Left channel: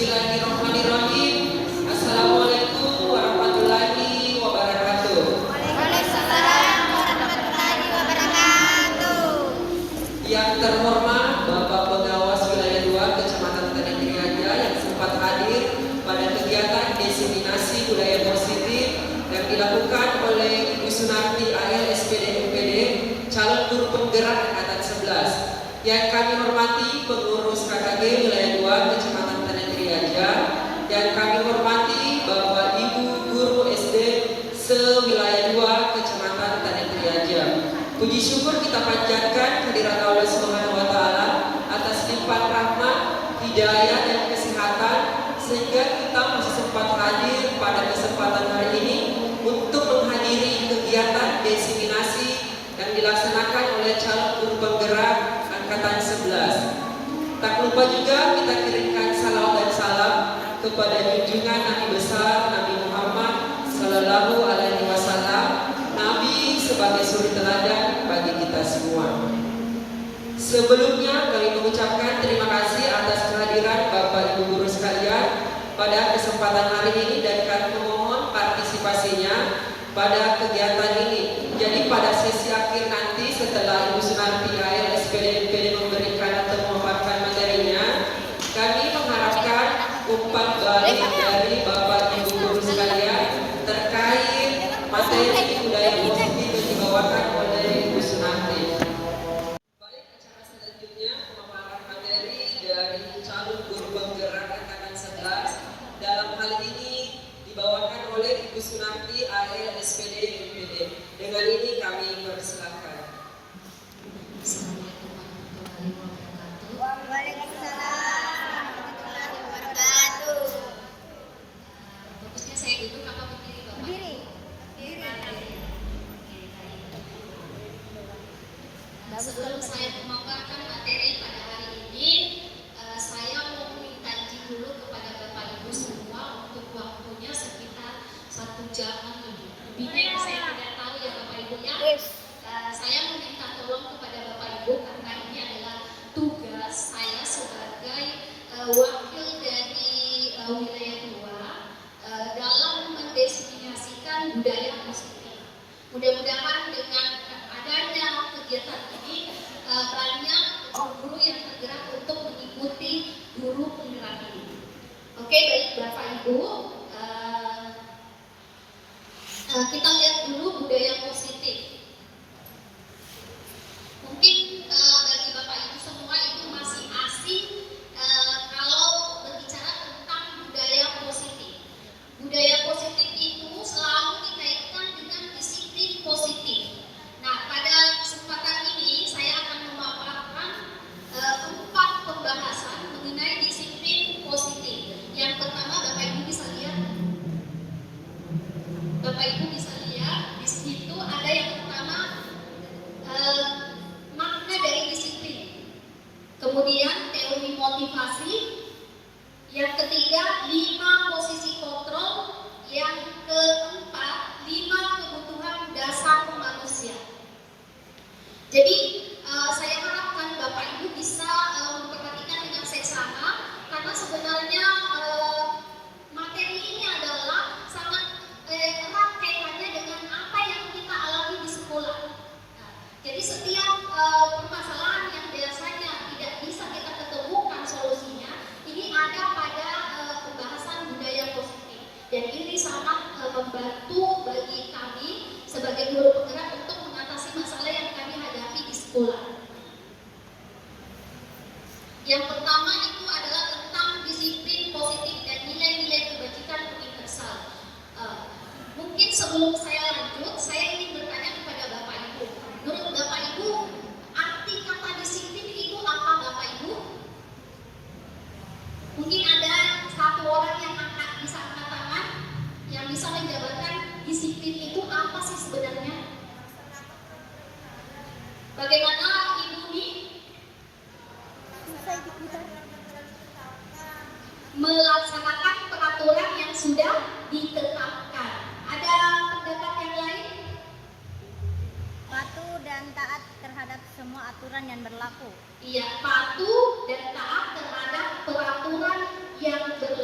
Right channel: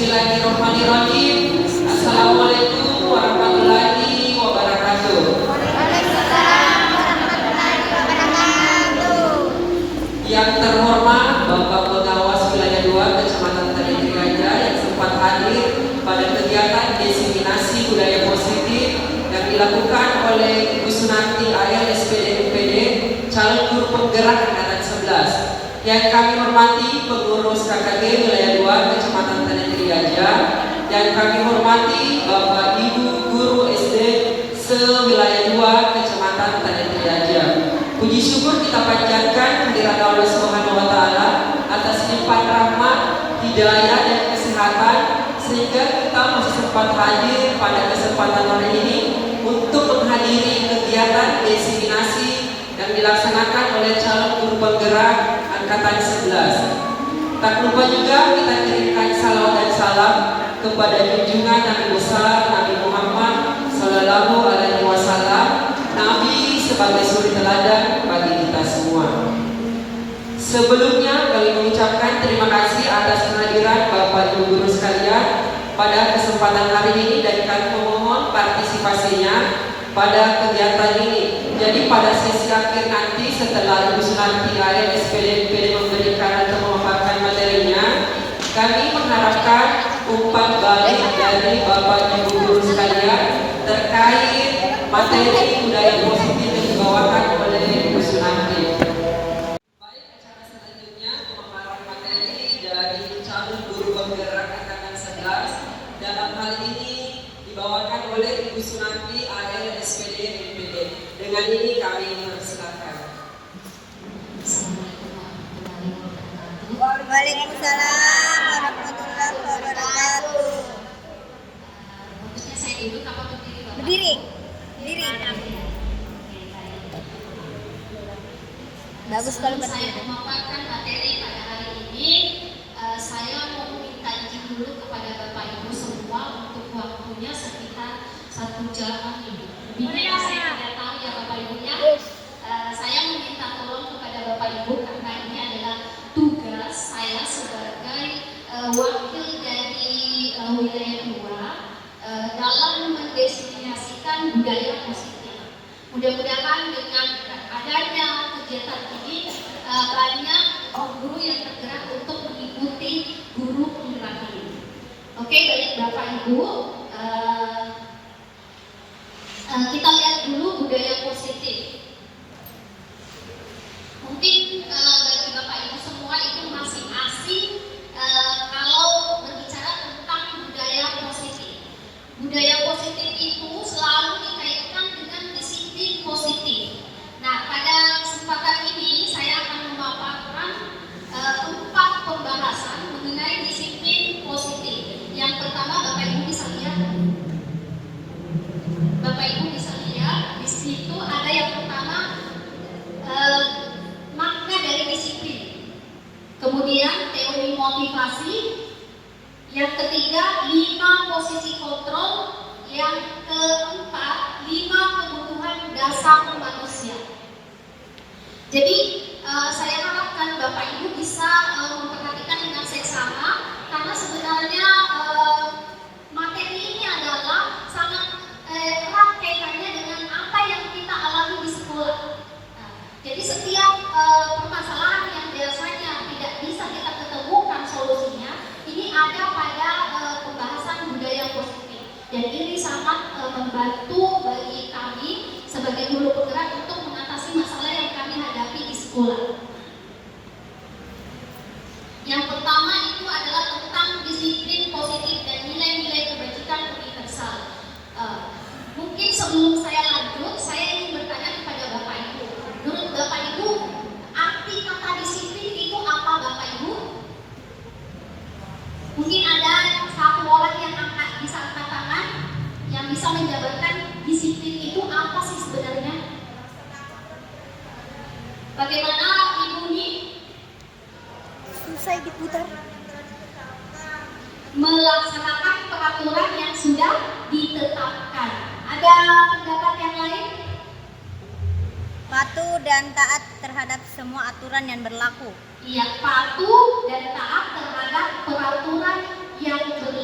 Bismillahirrahmanirrahim. Assalamualaikum warahmatullahi wabarakatuh. Waalaikumsalam warahmatullahi wabarakatuh. Yang terhormat Bapak Pengawas Wilayah 2 Kecamatan Tanjung Raja yang sempat hadir pada kegiatan diseminasi budaya positif yang dilakukan oleh Ibu Sunarti AL SPD UPD calon guru penggerak angkatan 11. Yang kami hormati pengurus KKG Wilayah 2 Kecamatan Tanjung Raja, dan kami hormati Bapak Ibu guru SD se-Wilayah 2 Kecamatan Tanjung Raja. Puji syukur kita panjatkan kehadirat Allah Subhanahu wa taala atas limpahan rahmat, hidayah dan kesehatan sehingga kita masih sempat hadir pada kesempatan hari ini untuk menghadiri kegiatan diseminasi yang dilaksanakan oleh calon guru penggerak angkatan 11. Tak lupa juga kita kirimkan salawat dan salam kepada junjungan Nabi besar Nabi Muhammad Sallallahu Alaihi Wasallam, Nabi sebagai suri teladan bagi kita semua. Sebelumnya kami mengucapkan terima kasih atas kehadiran Bapak Ibu guru sekalian pada kesempatan hari ini, dan kami memohon partisipasinya pada kegiatan ini. Jadi pada sesi akhir nanti setelah Ibu Sunarti AL SPD memberikan atau memaparkan materinya, kami mengharapkan umpan balik dari Bapak Ibu guru sekalian terkait materi budaya positif yang dibawakan oleh Ibu Sunarti. Baik, acara selanjutnya pemaparan materi dari calon guru penggerak angkatan 11. Dalam hal ini dibawakan oleh Ibu Sunarti AL SPD MPD. Dengan ini kami mempersilakan. Waalaikumsalam warahmatullahi wabarakatuh. Bagusnya saya duduk apa berdiri, Bapak? Berdiri. Berdiri. Bagus kalau Sebelum saya berdiri. memaparkan materi pada hari ini, saya mau minta izin dulu kepada Bapak Ibu semua untuk waktunya sekitar 1 jam lebih. Lebihnya saya tidak tahu ya Bapak Ibu ya. Yes. Saya meminta tolong kepada Bapak Ibu karena ini adalah tugas saya sebagai wakil dari wilayah 2 dalam mendefinisikan budaya positif. Mudah-mudahan dengan adanya kegiatan ini banyak guru yang tergerak untuk mengikuti guru penggerak ini. Oke, baik Bapak Ibu, kita lihat dulu budaya positif. Mungkin bagi Bapak Ibu semua itu masih asing kalau berbicara tentang budaya positif. Budaya positif itu selalu dikaitkan dengan disiplin positif. Nah, pada kesempatan ini saya akan memaparkan 4 pembahasan mengenai disiplin positif. Yang pertama, Bapak Ibu bisa lihat. Bapak Ibu bisa lihat di situ ada yang pertama makna dari disiplin. Kemudian teori motivasi. Yang ketiga 5 posisi kontrol. Yang keempat 5 kebutuhan dasar manusia. Jadi saya harapkan Bapak Ibu bisa memperhatikan dengan seksama, karena sebenarnya materi ini adalah sangat erat kaitannya dengan apa yang kita alami di sekolah. Nah, jadi setiap permasalahan yang biasanya tidak bisa kita ketemukan solusinya, ini ada pada pembahasan budaya positif. Dan ini sangat membantu bagi kami sebagai guru penggerak untuk mengatasi masalah yang kami hadapi di sekolah. Yang pertama itu adalah tentang disiplin positif dan nilai-nilai kebajikan universal. Mungkin sebelum saya lanjut, saya ingin bertanya kepada Bapak Ibu. Menurut Bapak Ibu, arti kata disiplin itu apa, Bapak Ibu? Mungkin ada satu orang yang bisa angkat tangan, yang bisa menjabarkan disiplin itu apa sih sebenarnya? Bagaimana Ibu nih? Susah diputar. Melaksanakan peraturan yang sudah ditetapkan. Ada pendapat yang lain? Patuh dan taat terhadap semua aturan yang berlaku. Iya, patuh dan taat terhadap peraturan yang berlaku.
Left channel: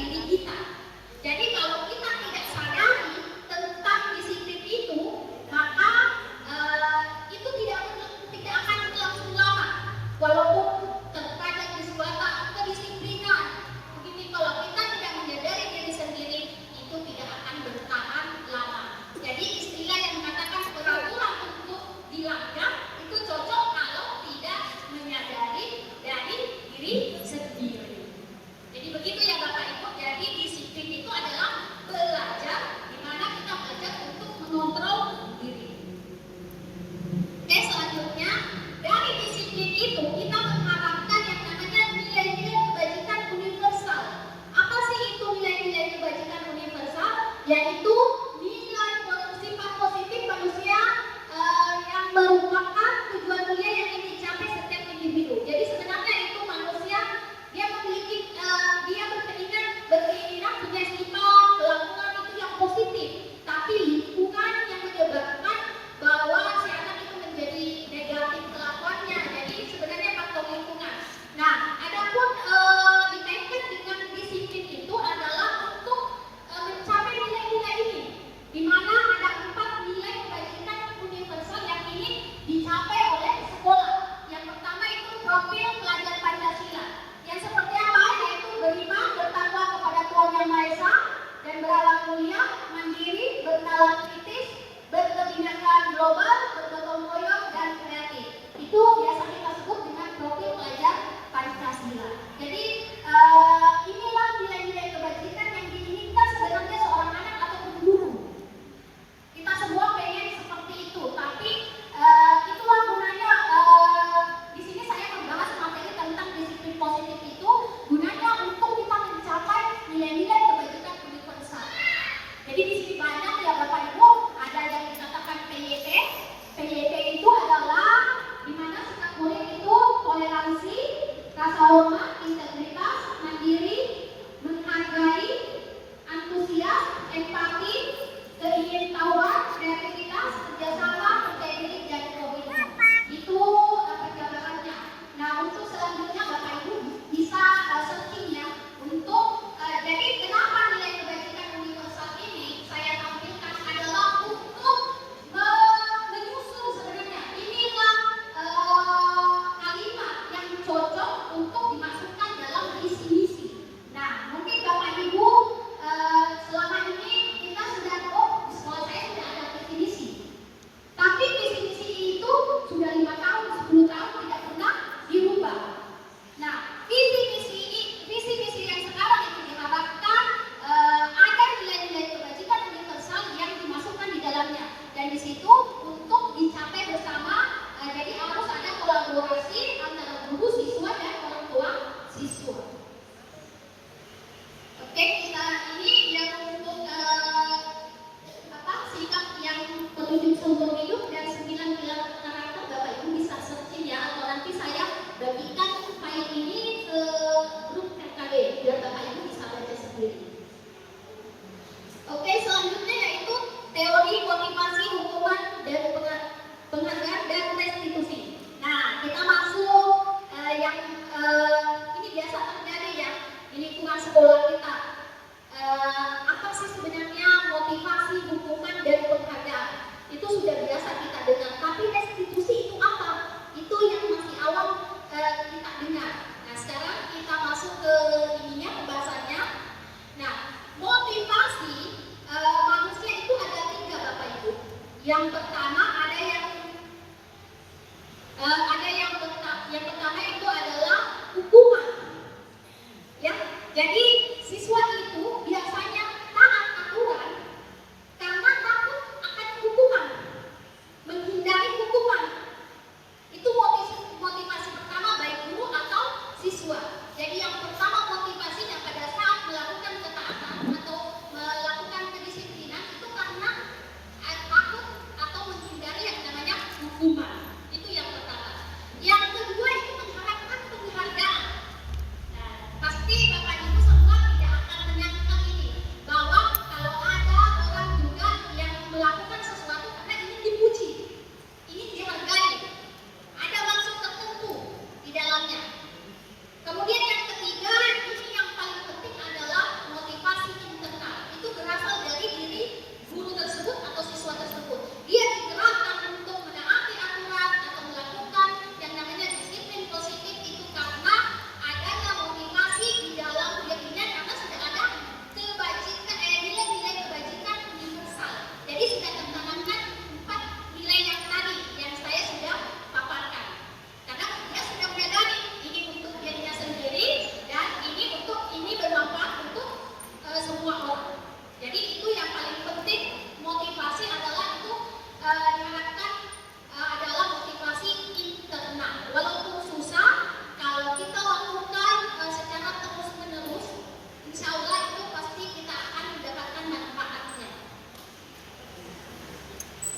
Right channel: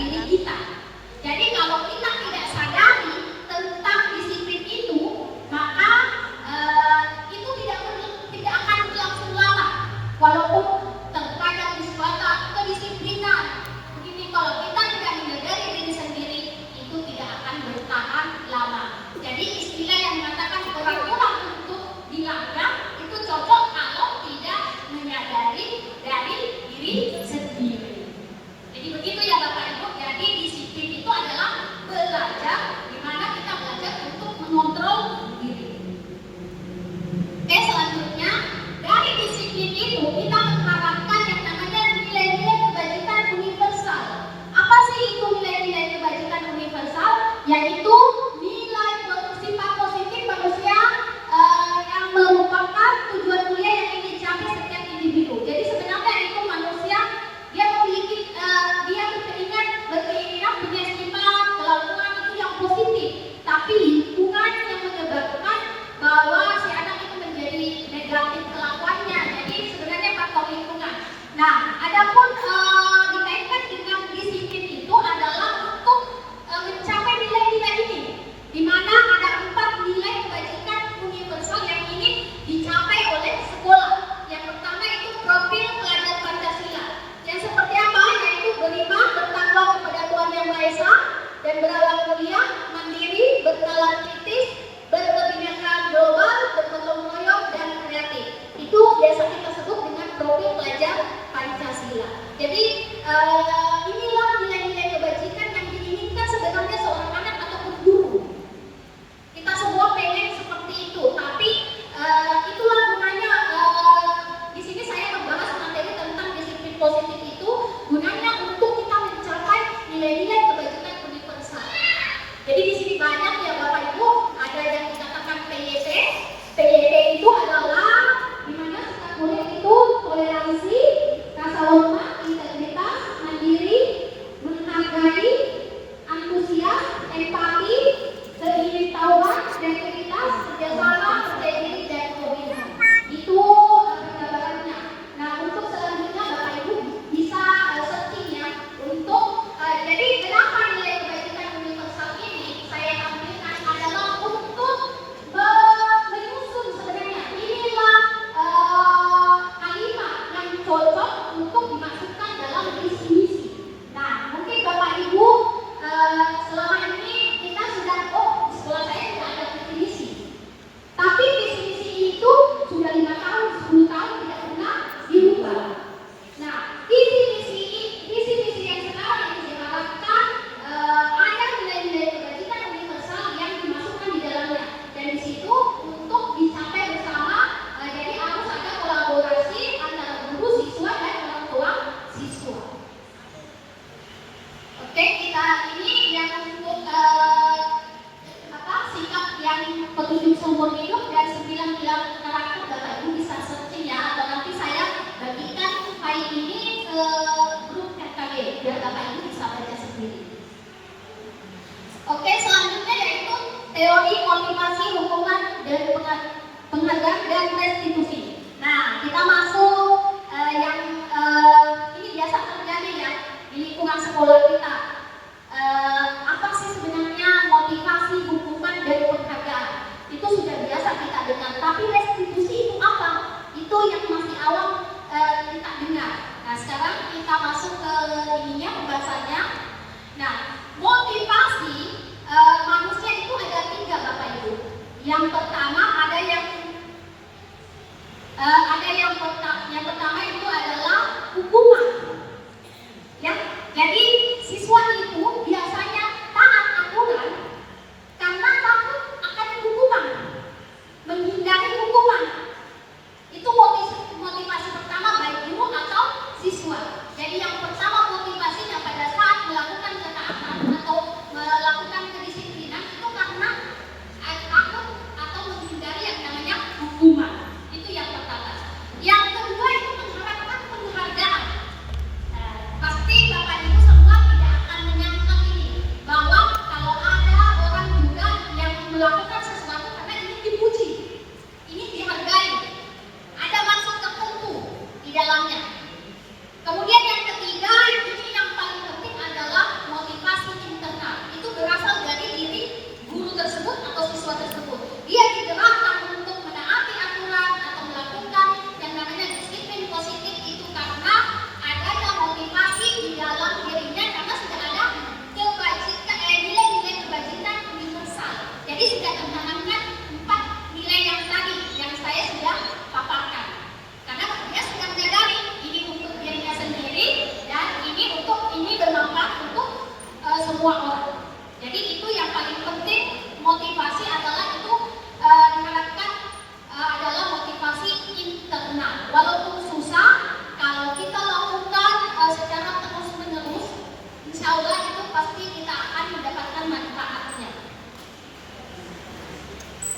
diri kita. Jadi kalau kita tidak sadari tentang disiplin itu, maka itu tidak akan berlangsung lama. Walaupun terkadang di suatu kedisiplinan, begini kalau kita tidak menyadari diri sendiri, itu tidak akan bertahan lama. Jadi istilah yang mengatakan peraturan untuk dilanggar itu cocok kalau tidak menyadari dari diri sendiri. Jadi begitu ya Bapak Ibu. Jadi disiplin itu adalah belajar, di mana kita belajar untuk mengontrol diri. Oke, selanjutnya dari disiplin itu kita mengharapkan yang namanya nilai-nilai kebajikan universal. Apa sih itu nilai-nilai kebajikan universal? Yaitu nilai sifat positif manusia yang merupakan tujuan mulia yang ingin dicapai setiap individu. Jadi sebenarnya itu manusia dia memiliki dia berkeinginan punya sifat kelakuan itu yang positif, tapi lingkungan yang menyebabkan bahwa si anak itu menjadi negatif kelakuannya. Jadi sebenarnya faktor lingkungan. Nah, adapun dikaitkan dengan disiplin itu adalah untuk mencapai nilai-nilai ini, di mana ada 4 nilai kebajikan universal yang ingin dicapai oleh sekolah. Yang pertama itu profil pelajar Pancasila. Yang seperti apa? Yaitu beriman, bertakwa kepada Tuhan Yang Maha Esa, dan berakhlak mulia, mandiri, bernalar kritis, berkebinekaan global, bergotong royong, dan kreatif. Itu biasa kita sebut dengan profil pelajar Pancasila. Jadi inilah nilai-nilai kebajikan yang diinginkan sebenarnya seorang anak ataupun guru. Kita semua pengen seperti itu, tapi itulah gunanya. Di sini saya membahas materi tentang disiplin positif itu gunanya untuk kita mencapai nilai-nilai kebajikan universal. Jadi di sini banyak ya Bapak Ibu, ada yang dikatakan PYT. PYT itu adalah di mana sikap murid itu toleransi, rasa hormat, integritas, mandiri, menghargai, antusias, empati, keingintahuan, kreativitas, kerjasama, teknik, dan komitmen. Itu penjabarannya. Nah, untuk selanjutnya Bapak Ibu bisa searching ya untuk jadi kenapa nilai kebajikan universal ini saya tampilkan adalah untuk menyusun sebenarnya inilah kalimat yang cocok untuk dimasukkan dalam visi misi. Nah, mungkin Bapak Ibu selama ini kita sudah di sekolah saya tidak ada visi misi. Tapi visi misi itu sudah 5 tahun, 10 tahun tidak pernah dirubah. Nah, visi misi yang sekarang itu diharapkan ada nilai-nilai kebajikan universal yang dimasukkan di dalamnya. Dan di situ untuk dicapai bersama, jadi harus ada kolaborasi antara guru, siswa, dan orang tua siswa. Oke, kita ini yang untuk sikap yang petunjuk seumur hidup dan 9 pilar karakter. Bapak Ibu bisa searching ya, atau nanti saya bagikan file ini ke grup KKB biar Bapak Ibu bisa baca sendiri. Oke, selanjutnya yaitu teori motivasi, hukuman, dan penghargaan dan restitusi. Nah, kita masuk yang ini biasa terjadi ya di lingkungan sekolah kita. Apa sih sebenarnya motivasi, hukuman, dan penghargaan? Itu sudah biasa kita dengar. Tapi restitusi itu apa? Itu yang masih awam kita dengar. Nah, sekarang kita masuk ke ininya pembahasannya. Nah, motivasi manusia itu ada 3 Bapak Ibu. Yang pertama ada yang pertama itu adalah hukuman. Ya, jadi siswa itu biasanya taat aturan karena takut akan hukuman, menghindari hukuman. Itu motivasi pertama baik guru atau siswa. Jadi yang pertama motivasinya pada saat melakukan ketaatan atau melakukan kedisiplinan itu karena takut atau menghindari yang namanya hukuman. Itu yang pertama. Yang kedua itu mengharapkan penghargaan. Pasti Bapak Ibu semua tidak akan menyangka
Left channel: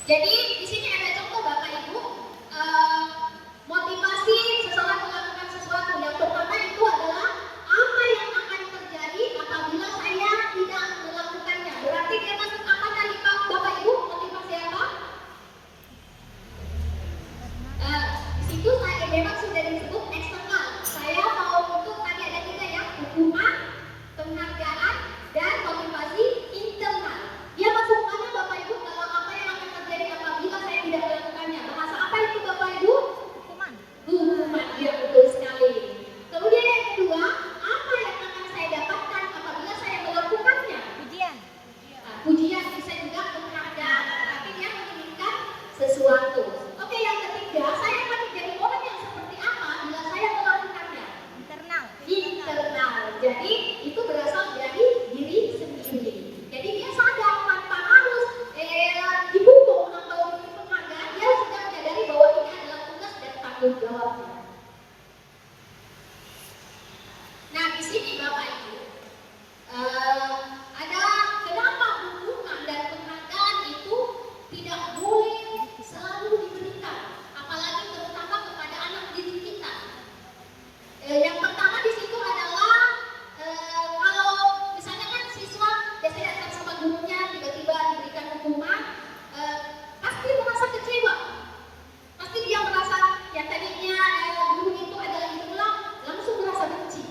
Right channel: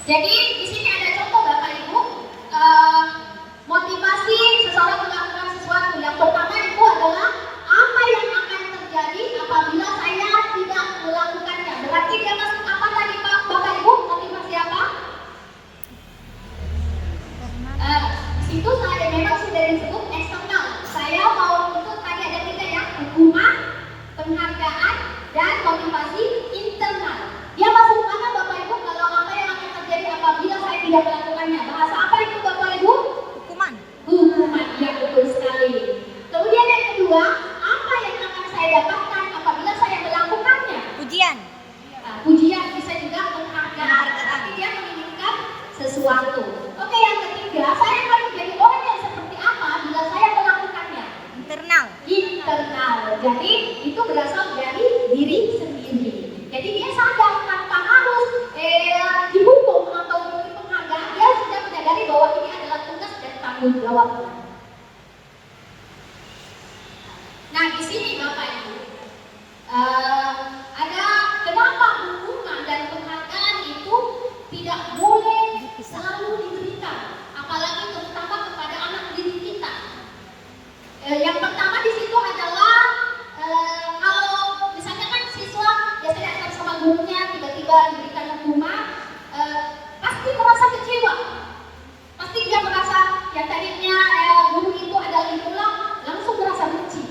Jadi di sini ada contoh Bapak Ibu, motivasi seseorang melakukan sesuatu. Yang pertama itu adalah apa yang akan terjadi apabila saya tidak melakukannya. Berarti dia masuk apa tadi Pak Bapak Ibu? Motivasi apa? Di situ saya memang sudah disebut eksternal. Saya mau untuk tadi ada 3 ya, hukuman, penghargaan, dan motivasi internal. Dia masuk mana Bapak Ibu kalau apa yang akan terjadi apabila saya tidak melakukannya? Bahasa apa itu Bapak Ibu? Hukuman. Hukuman, ya betul sekali. Kemudian yang kedua, apa yang akan saya dapatkan apabila saya melakukannya? Ujian. Nah, pujian bisa juga penghargaan, berarti dia menginginkan sesuatu. Oke, yang ketiga, saya akan menjadi orang yang seperti apa bila saya melakukannya? Internal. Internal. Jadi itu berasal dari diri sendiri. Jadi dia sadar tanpa harus dihukum atau diberi penghargaan, dia sudah menyadari bahwa ini adalah tugas dan tanggung jawabnya. Nah, di sini Bapak Ibu, ada kenapa hukuman dan penghargaan itu tidak boleh selalu diberikan, apalagi terutama kepada anak didik kita. Yang pertama di situ adalah kalau misalnya kan siswa biasanya akan sama gurunya tiba-tiba diberikan hukuman, pasti merasa kecewa, pasti dia merasa yang tadinya guru itu adalah idola langsung merasa benci.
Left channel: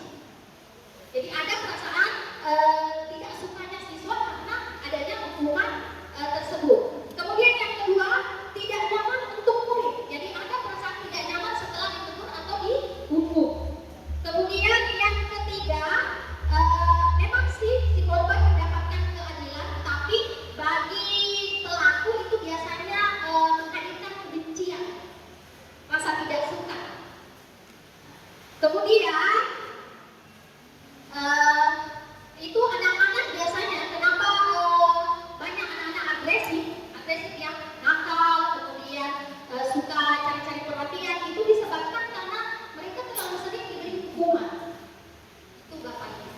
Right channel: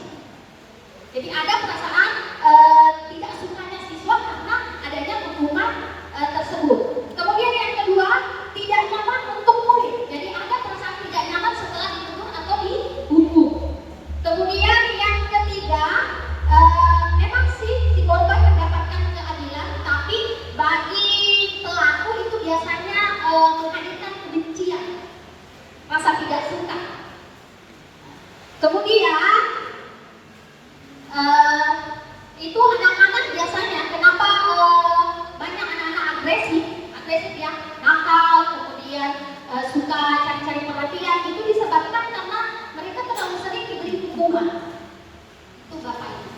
Jadi ada perasaan tidak sukanya siswa karena adanya hukuman tersebut. Kemudian yang kedua, tidak nyaman untuk murid. Jadi ada perasaan tidak nyaman setelah ditegur atau dihukum. Kemudian yang ketiga, memang sih si korban mendapatkan keadilan, tapi bagi pelaku itu biasanya menghadirkan kebencian, rasa tidak suka. Kemudian itu anak-anak biasanya kenapa banyak anak-anak agresif ya, nakal, kemudian suka cari-cari perhatian, itu disebabkan karena mereka terlalu sering diberi hukuman. Itu Bapak Ibu.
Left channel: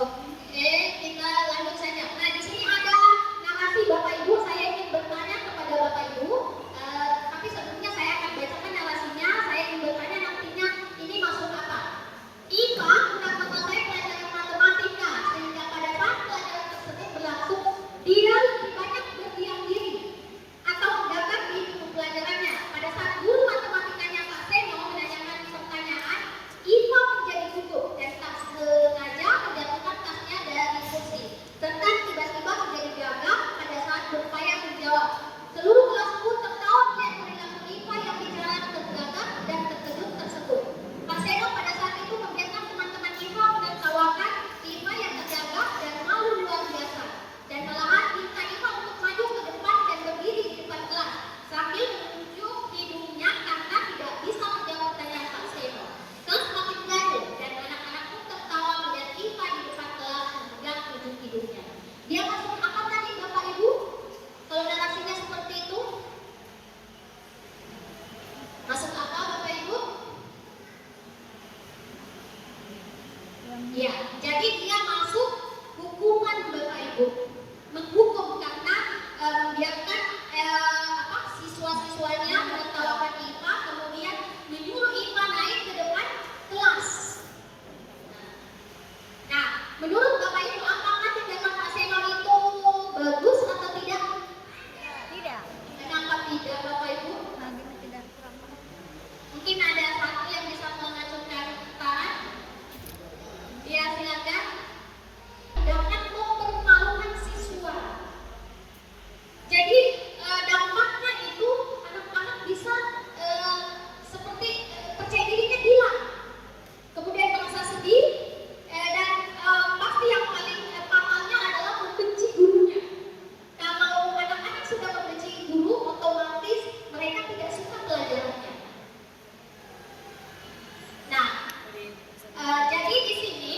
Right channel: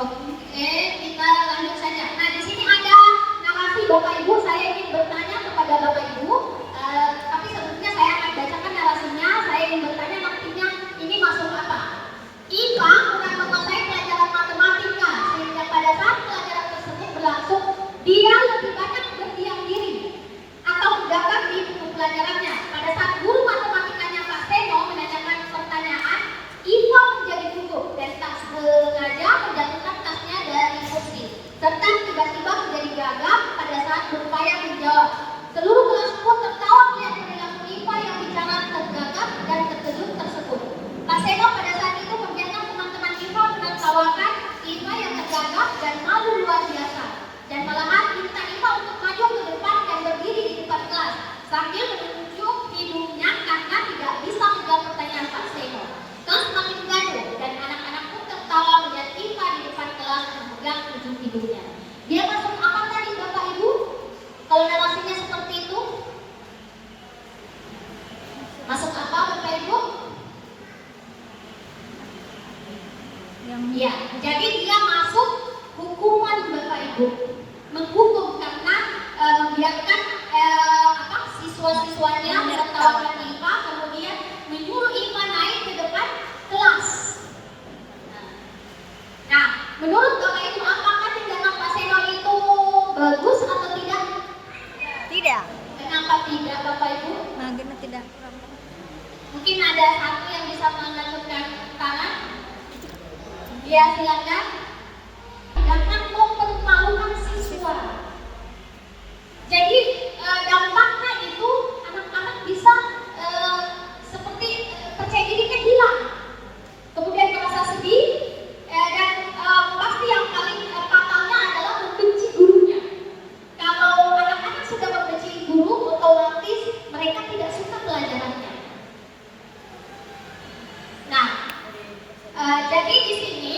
Oke, kita lanjut saja. Nah, di sini ada narasi Bapak Ibu. Saya ingin bertanya kepada Bapak Ibu, tapi sebelumnya saya akan bacakan narasinya. Saya ingin bertanya nantinya ini masuk apa? IPA bukan menguasai pelajaran matematika, sehingga pada saat pelajaran tersebut berlangsung, dia lebih banyak berdiam diri atau mendapat di buku pelajarannya. Pada saat guru matematikanya Pak Seno menanyakan pertanyaan, IPA menjadi gugup dan tak sengaja menjatuhkan tasnya dari kursi, serta tiba-tiba menjadi gagap pada saat berupaya menjawab. Seluruh kelas pun tertawa melihat perilaku IPA yang bicara tergagap dan terkejut tersebut. Pak Seno pada saat itu membiarkan teman-teman IPA menertawakan IPA yang tergagap dan malu luar biasa, dan malahan minta IPA untuk maju ke depan dan berdiri di depan kelas sambil menunjuk hidungnya karena tidak bisa menjawab pertanyaan Pak Seno. Kelas makin gaduh dan anak-anak pun tertawa melihat IPA di depan kelas memegang ujung hidungnya. Dia masuk apa tadi Bapak Ibu? Kalau narasinya seperti itu, masuk apa Bapak Ibu? Ya, jadi dia masuk hukuman Bapak Ibu, menghukum karena membiarkan siswa-siswanya menertawakan IPA, kemudian menyuruh IPA naik ke depan kelas. Nah, menurut Bapak Ibu apakah tindakan Pak Seno itu bagus atau tidak? Tidak. Kenapa tidak Bapak Ibu? Bagaimana tidak? Mungkin ada satu yang bisa mengajukan tangan. Ya, silakan. Jangan mempermalukan siswa. Jadi dampaknya itu anak-anak bisa seperti percaya dirinya hilang, kemudian merasa sedih, dan pasti yang paling fatalnya adalah membenci gurunya. Kalau anak-anak sudah membenci guru, otomatis mereka tidak suka pelajarannya. Nah, jadi di sini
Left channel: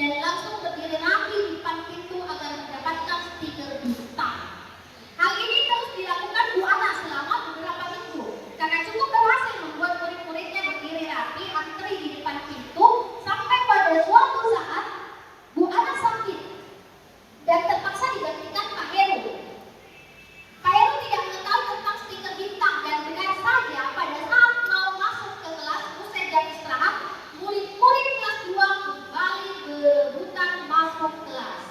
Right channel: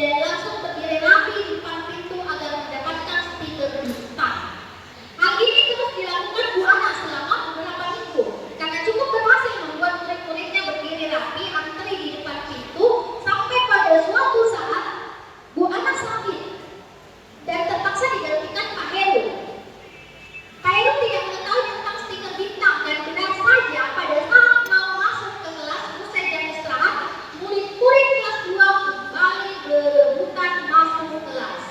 dan langsung berdiri rapi di depan pintu agar mendapatkan stiker bintang. Hal ini terus dilakukan Bu Ana selama beberapa minggu karena cukup berhasil membuat murid-muridnya berdiri rapi antri di depan pintu sampai pada suatu saat Bu Ana sakit dan terpaksa digantikan Pak Heru. Pak Heru tidak mengetahui tentang stiker bintang dan benar saja pada saat mau masuk ke kelas usai jam istirahat, murid-murid kelas 2 kembali berebutan masuk kelas.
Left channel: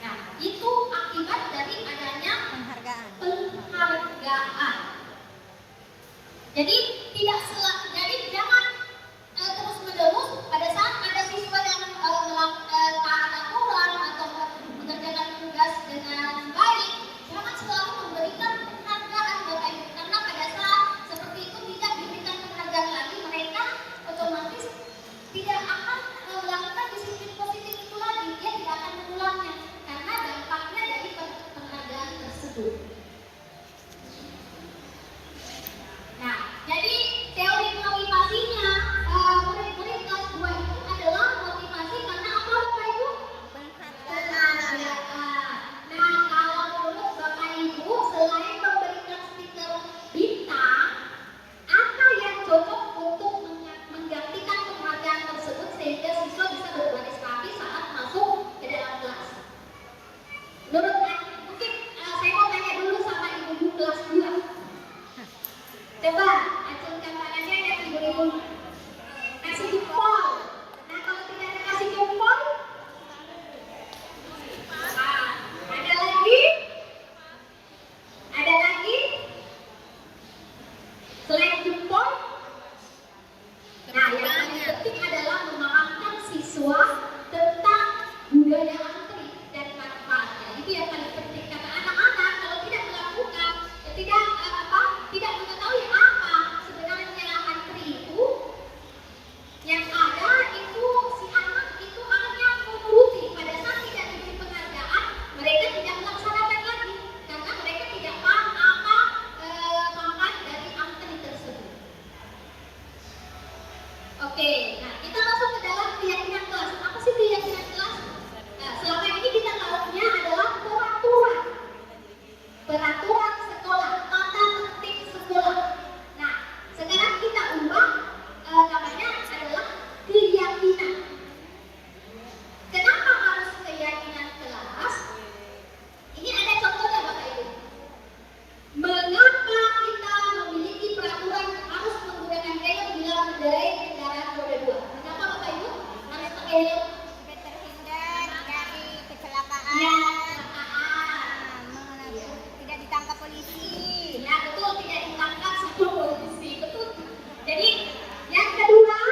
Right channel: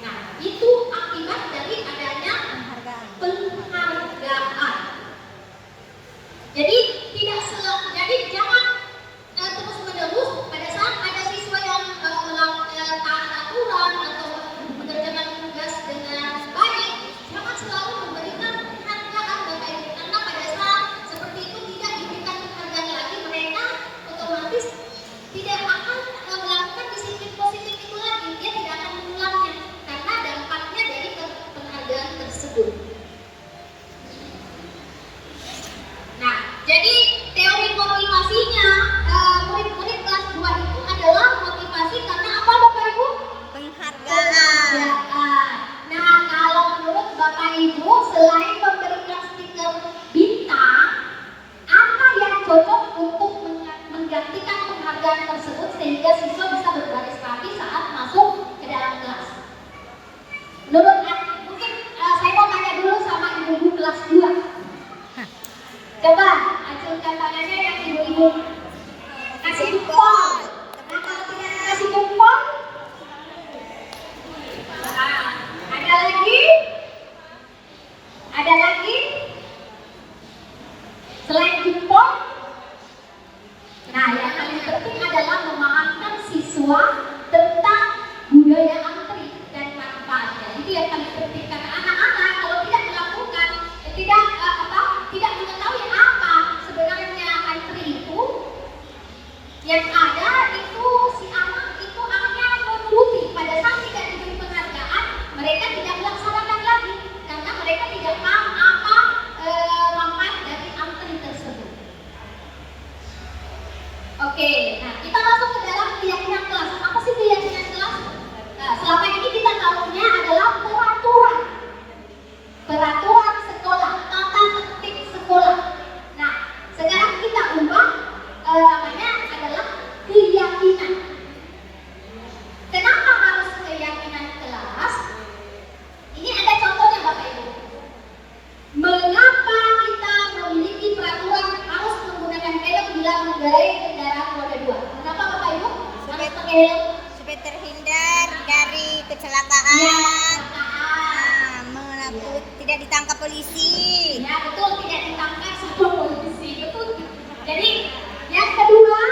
Nah, itu akibat dari adanya penghargaan. Jadi jadi jangan terus menerus pada saat ada siswa yang taat aturan atau mengerjakan tugas dengan baik, jangan selalu memberikan penghargaan Bapak Ibu, karena pada saat seperti itu tidak diberikan penghargaan lagi, mereka otomatis tidak akan melakukan disiplin positif itu lagi, dia tidak akan mengulangnya karena dampaknya dari penghargaan tersebut. Nah, jadi teori motivasinya murid-murid kelas 2 itu adalah motivasi karena apa Bapak Ibu? Penghargaan. Nah, kalau menurut Bapak Ibu selain memberikan stiker bintang, apa yang cocok untuk menggantikan penghargaan tersebut sehingga siswa bisa berbaris rapi saat masuk ke dalam kelas? Menurut mungkin saya mau tanya dulu sama ibu-ibu kelas 2. Coba acungkan tangannya yang ibu-ibu. Kasih jempol. Nah, kalau tidak kasih jempol, ada lagi? Ada lagi? Selain jempol, nah yang paling penting adalah memahamkan siswa tentang budaya antri dan manfaatnya. Itu yang paling penting karena anak-anak kalau tidak melakukan, tidak mengetahui apa sebenarnya antri itu, yang ada itu si anak itu hanya menuruti. Pada saat tidak diberi penghargaan, mereka tidak melaksanakan lagi karena mereka tidak paham apa manfaat dari antri tersebut. Oke, nah kita masuk ke dalam keyakinan kelas. Apa sih keyakinan kelas? Nah, selama ini kita tahunya adalah peraturan sekolah, tata tertib sekolah. Nah, sekarang kita ubah namanya adalah keyakinan. Kenapa harus keyakinan kelas? Ini ada contohnya Bapak Ibu. Mengapa kita memiliki peraturan harus menggunakan helm bila mengendarai kendaraan roda 2? Mengapa Bapak Ibu harus pakai helm? Supaya terhindar dari kecelakaan. Ya, Tidak ditangkap polisi. ya betul, tidak ditangkap sama polisi. Betul. Jadi yang kedua,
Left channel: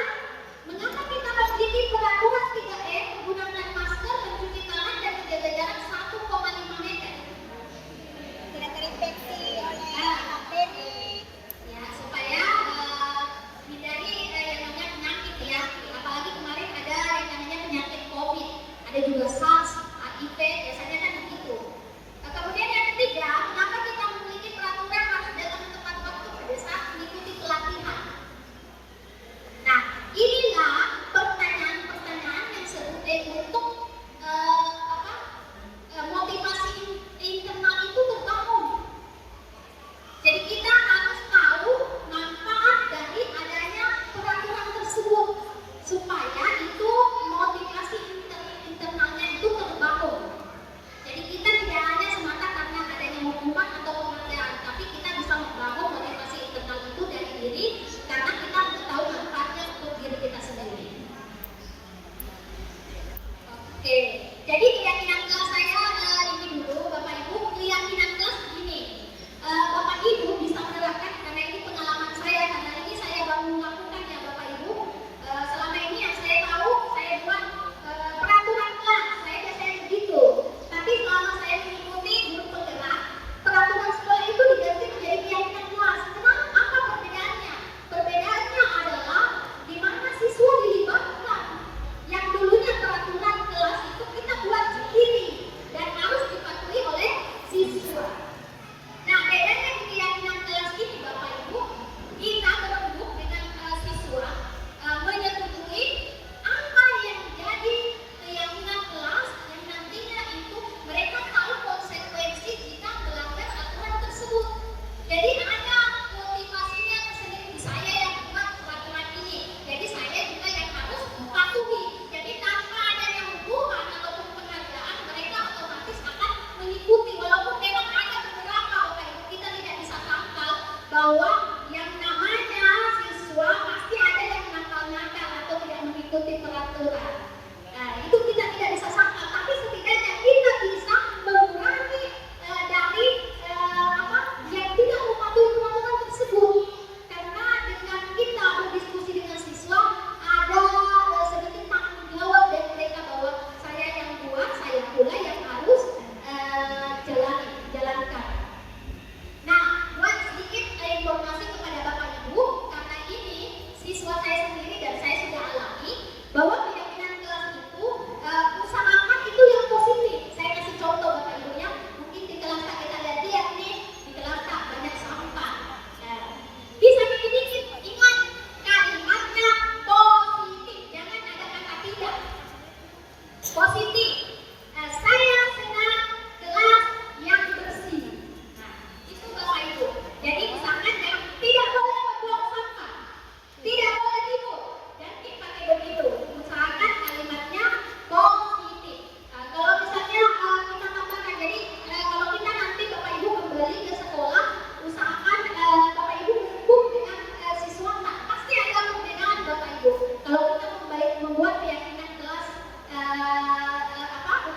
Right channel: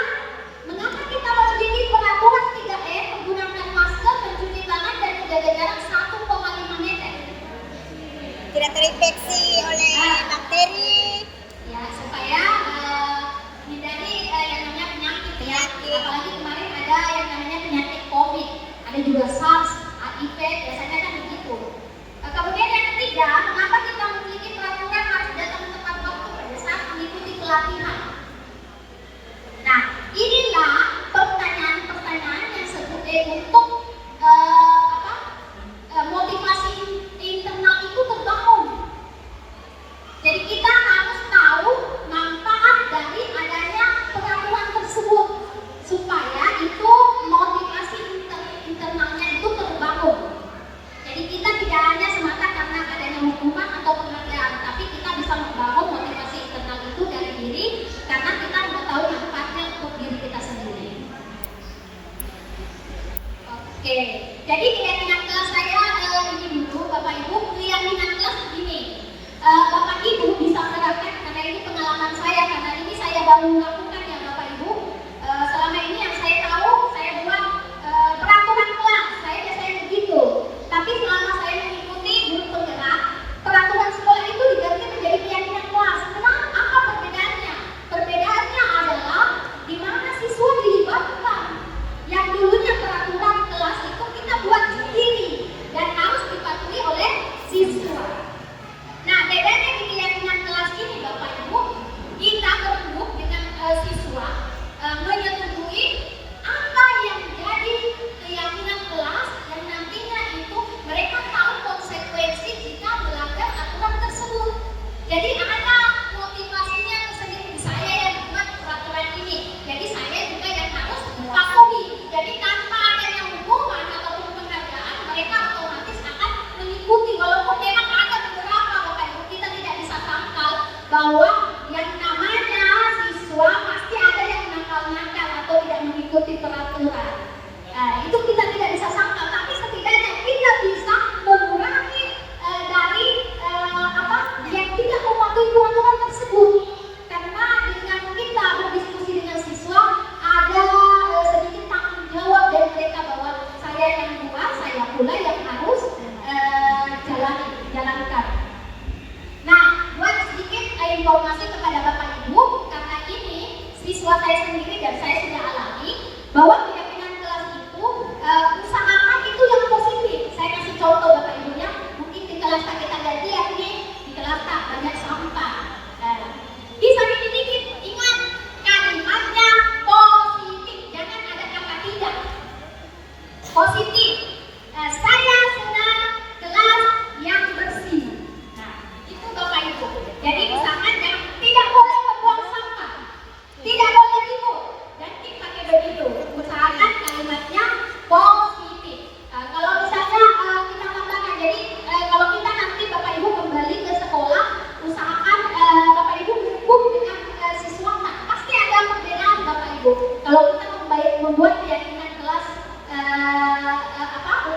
mengapa kita memiliki peraturan 3M menggunakan masker, mencuci tangan dan menjaga jarak 1,5 meter? Tidak terinfeksi oleh bakteri. Ya, supaya hindari yang namanya penyakit ya. Apalagi kemarin ada yang namanya penyakit COVID, ada juga SARS, HIV, biasanya kan begitu. Kemudian yang ketiga, mengapa kita memiliki peraturan harus datang tepat waktu pada saat mengikuti pelatihan? Nah, inilah pertanyaan-pertanyaan yang sebetulnya untuk motivasi internal itu terbangun. Jadi kita harus tahu manfaat dari adanya peraturan tersebut supaya itu motivasi internalnya itu terbangun. Jadi kita tidak hanya semata karena adanya hukuman atau penghargaan, tapi kita bisa membangun motivasi internal itu dari diri karena kita sudah tahu manfaatnya untuk diri kita sendiri. Oke, jadi keyakinan kelas saya ini dulu Bapak Ibu. Keyakinan kelas begini, Bapak Ibu bisa menerapkan karena ini pengalaman saya, karena ini saya baru melakukan ya Bapak Ibu. Selama ini yang saya tahu, saya buat peraturan kelas, saya biasanya begitu. Tapi selama saya mengikuti guru penggerak, peraturan sekolah itu diganti menjadi keyakinan kelas. Kenapa? Apa perbedaannya? Perbedaannya adalah di mana siswa dilibatkan. Yang dulunya peraturan kelas itu kita buat sendiri dan harus dipatuhi oleh siswa. Nah, bedanya di keyakinan kelas ini Bapak Ibu, kita berembuk dengan aturan. Itu kita tidak bisa sangkal, tapi setidaknya kita bisa mengurangi dari yang tidak mematuhi peraturan tersebut. Karena dengan kita berdiskusi dengan siswa, ada sedikit tanggung jawab dari mereka bahwa saya yang buat, saya pula yang harus jalankan. Nah, buat sedikit informasi kepada Bapak Ibu, karena ini siswa saya sendiri dan saya sudah alami bahwa keyakinan kelas itu usahakan itu yang positif. Saya kasih contoh Bapak Ibunya, mungkin di kelas tak kita lihat nih, di kelas tak banyak sampah. Bisa dikit-dikit ingat kalimatnya positif, jangan ada kata tidak. Positif. Saya senang kelas yang bersih. Nah, itu Bapak Ibu. Jadi misalkan tidak boleh membuang sampah, tidak boleh ribut, dan kita pakai begitu. Usahakan kalimatnya positif. Kalau misalnya kita tambahkan, jadi kalau kita nanti Bapak Ibu kembali ke sekolah, usahakan Bapak Ibu berkumpul dengan siswa. Nah, pasti ada perbedaan Bapak Ibu. Kalau kita membuat keyakinan kelas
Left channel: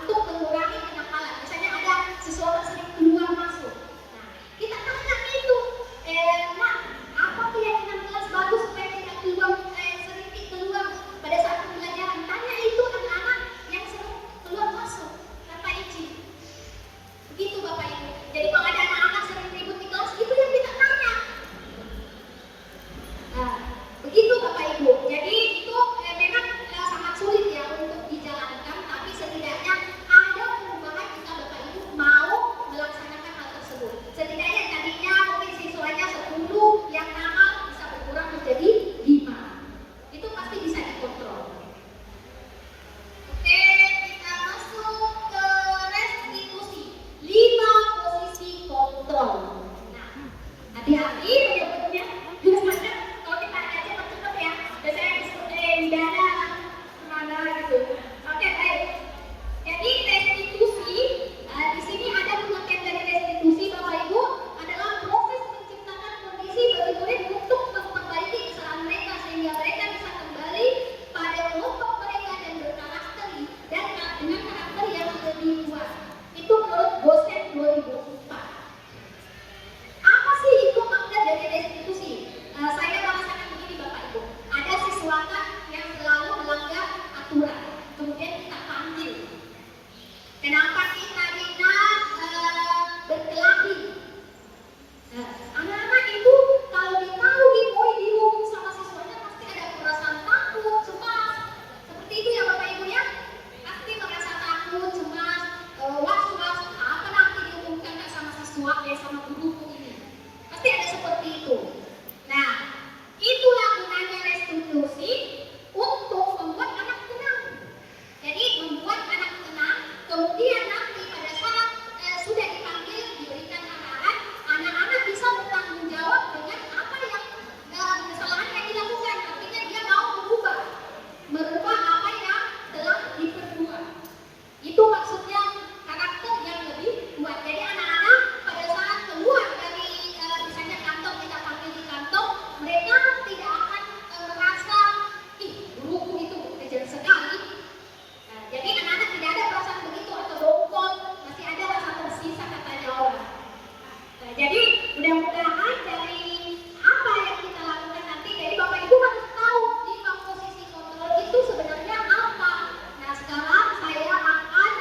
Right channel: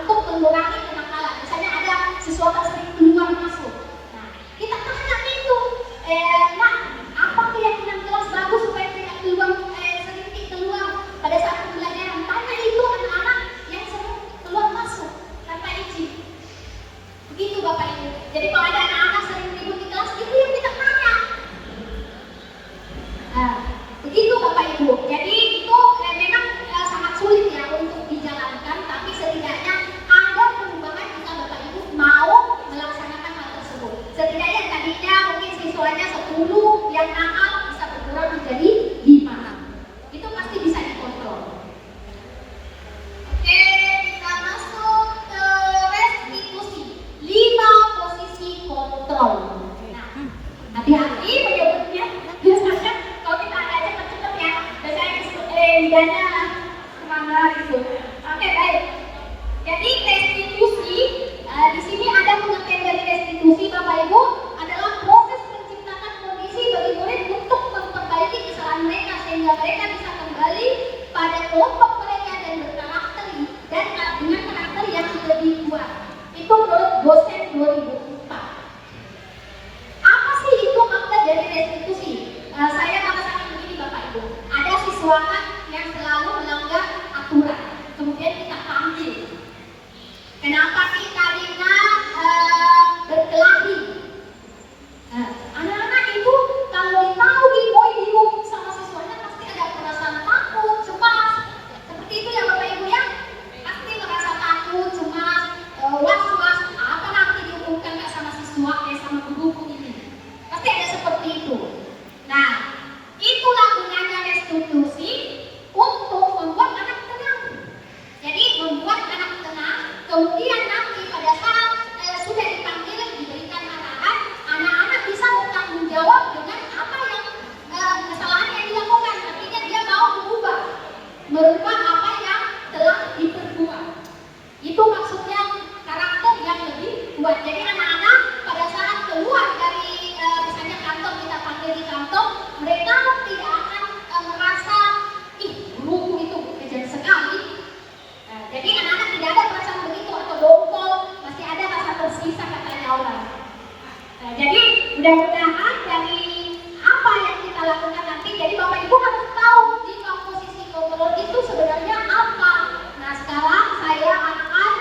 untuk mengurangi kenakalan, misalnya ada siswa tersering keluar masuk. Nah, kita tanya itu, apa keyakinan kelas bagus supaya tidak sering keluar pada saat pembelajaran? Tanya itu anak-anak yang sering keluar masuk tanpa izin. Begitu Bapak Ibu. Jadi kalau ada anak-anak sering ribut di kelas, itu yang kita tanya. Begitu Bapak Ibu. Jadi itu memang sangat sulit ya untuk dijalankan, tapi setidaknya ada perubahan jika Bapak Ibu mau melaksanakan hal tersebut. Setidaknya tadinya mungkin siswanya 10 yang nakal bisa berkurang menjadi 5. Itu pasti bisa dikontrol. Oke, kita masuk ke restitusi. 5 posisi kontrol. Nah, hati-hati menyebutnya. Biasanya kalau kita ada cepet-cepet ya, biasanya lidahnya kemana gitu. Oke, baik. Jadi restitusi, di sini ada pengertian dari restitusi Bapak Ibu adalah proses menciptakan kondisi bagi murid untuk memperbaiki kesalahan mereka sehingga mereka bisa kembali pada kelompok mereka dan berkarakteri dan dengan karakter yang lebih kuat. Itu menurut dosen 2004. Apa sih itu makna dari restitusi? Saya merasakan begini Bapak Ibu, ada siswa yang selalu melanggar aturan, kemudian kita panggil. Kenapa sih Karina berkelahi? Anak-anak itu kalau ditahuin boy dihukum sama siswanya pasti ada perasaan takut, cemas. Seperti itu ya Bapak Ibu ya, pasti merasa takut, cemas, was-was. Apa nanti dihukumkan nggak sama siswa sama guruku ini? Pasti ada seperti itu. Nah, itulah gunanya restitusi untuk membuat anak tenang. Jadi membuat anak tenang, kemudian nanti pada saat sudah dipanggil, diberikan arahan, anak-anak bisa bertanggung jawab dengan apa yang kesalahan yang dilakukan. Artinya dia mau merubah apa yang telah diperbuat. Itu maksudnya karakter yang lebih kuat. Jadi anak-anak pada saat keluar dari misalnya kantor, kita panggil di kantor, mereka tidak akan merasa guruku itu kejam sekali. Jadi anak-anak tidak ada perasaan begitu atau dongkol, masih ada rasa tersisa katanya orang. Jadi mudah-mudahan dari apa yang kita lakukan nanti, jadi Bapak Ibu harus tahu 5 posisi kontrol itu sebenarnya apa. Nah, sekarang saya akan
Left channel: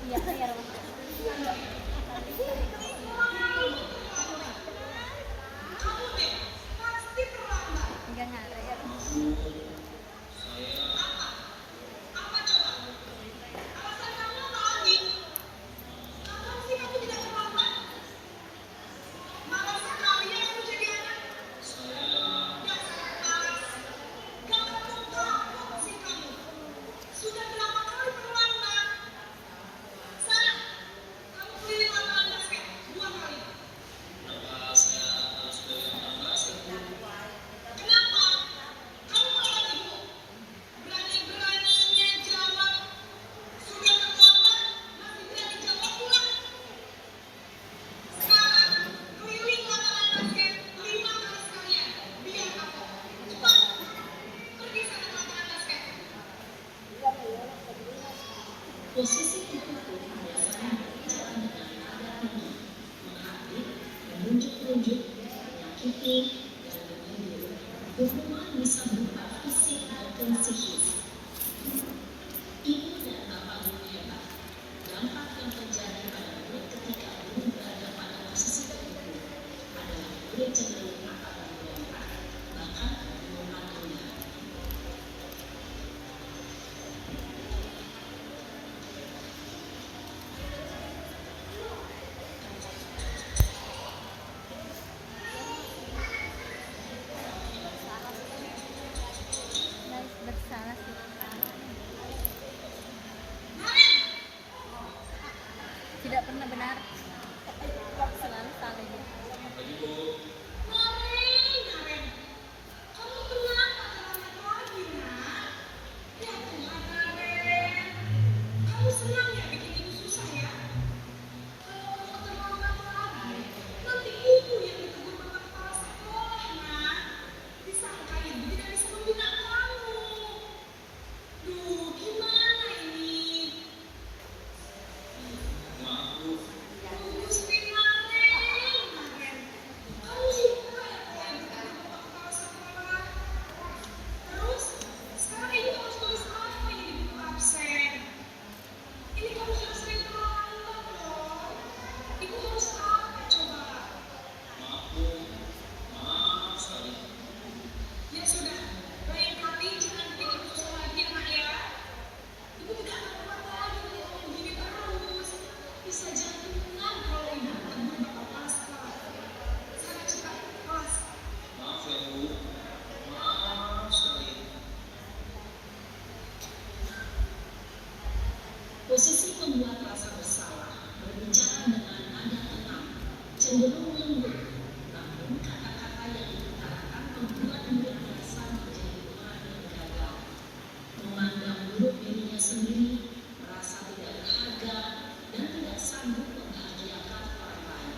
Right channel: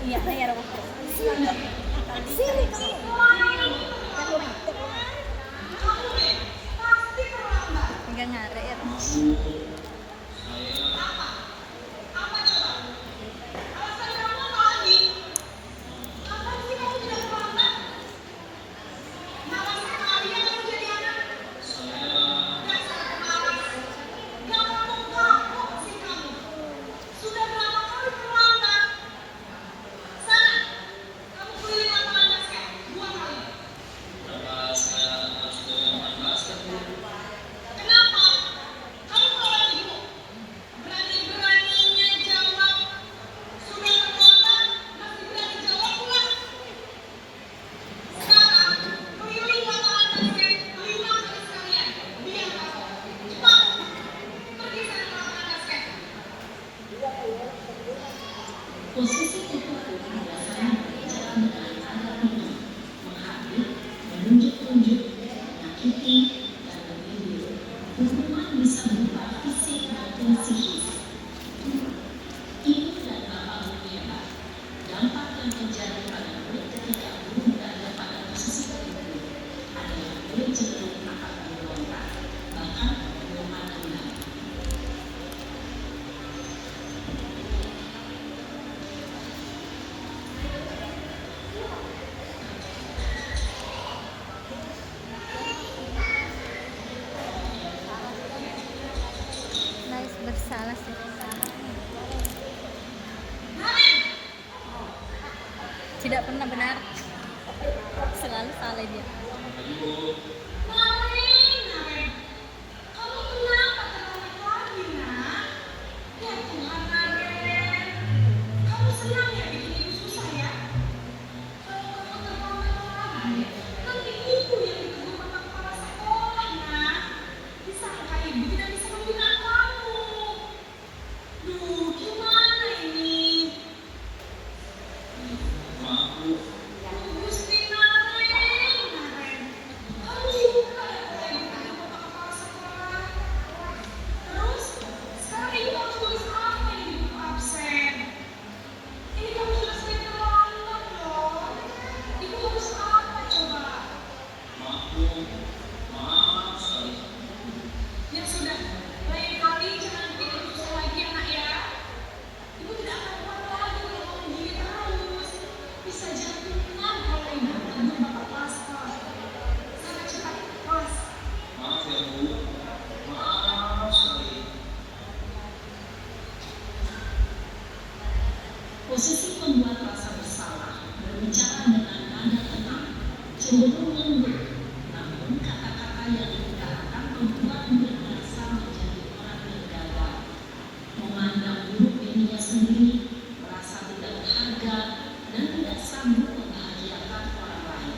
Iya, ya. Enggak nyari ya. Posisi tertutup biasanya berjalan dengan agak tinggi, menghampiri, menunjuk-nunjuk, menyakiti, dan memilih. Hukuman bisa berupa fisik maupun psikis. Ibu dan bapak guru dampak dan penjara pada murid ketika guru berada pada posisi tertutup adalah murid cenderung akan memberontak, bahkan memarahi. Nice, bersalah sih. Tidak pernah benar. Selalu salah dia. Posisi membuat rasa bersalah, berbicara dengan nada tenang, cenderung lembut, namun kata-kata yang diutarakan membuat murid merasa menjadi orang yang gagal, memandang buruk dirinya sendiri, merasa tidak berharga, dan tidak sanggup membahagiakan orang lain.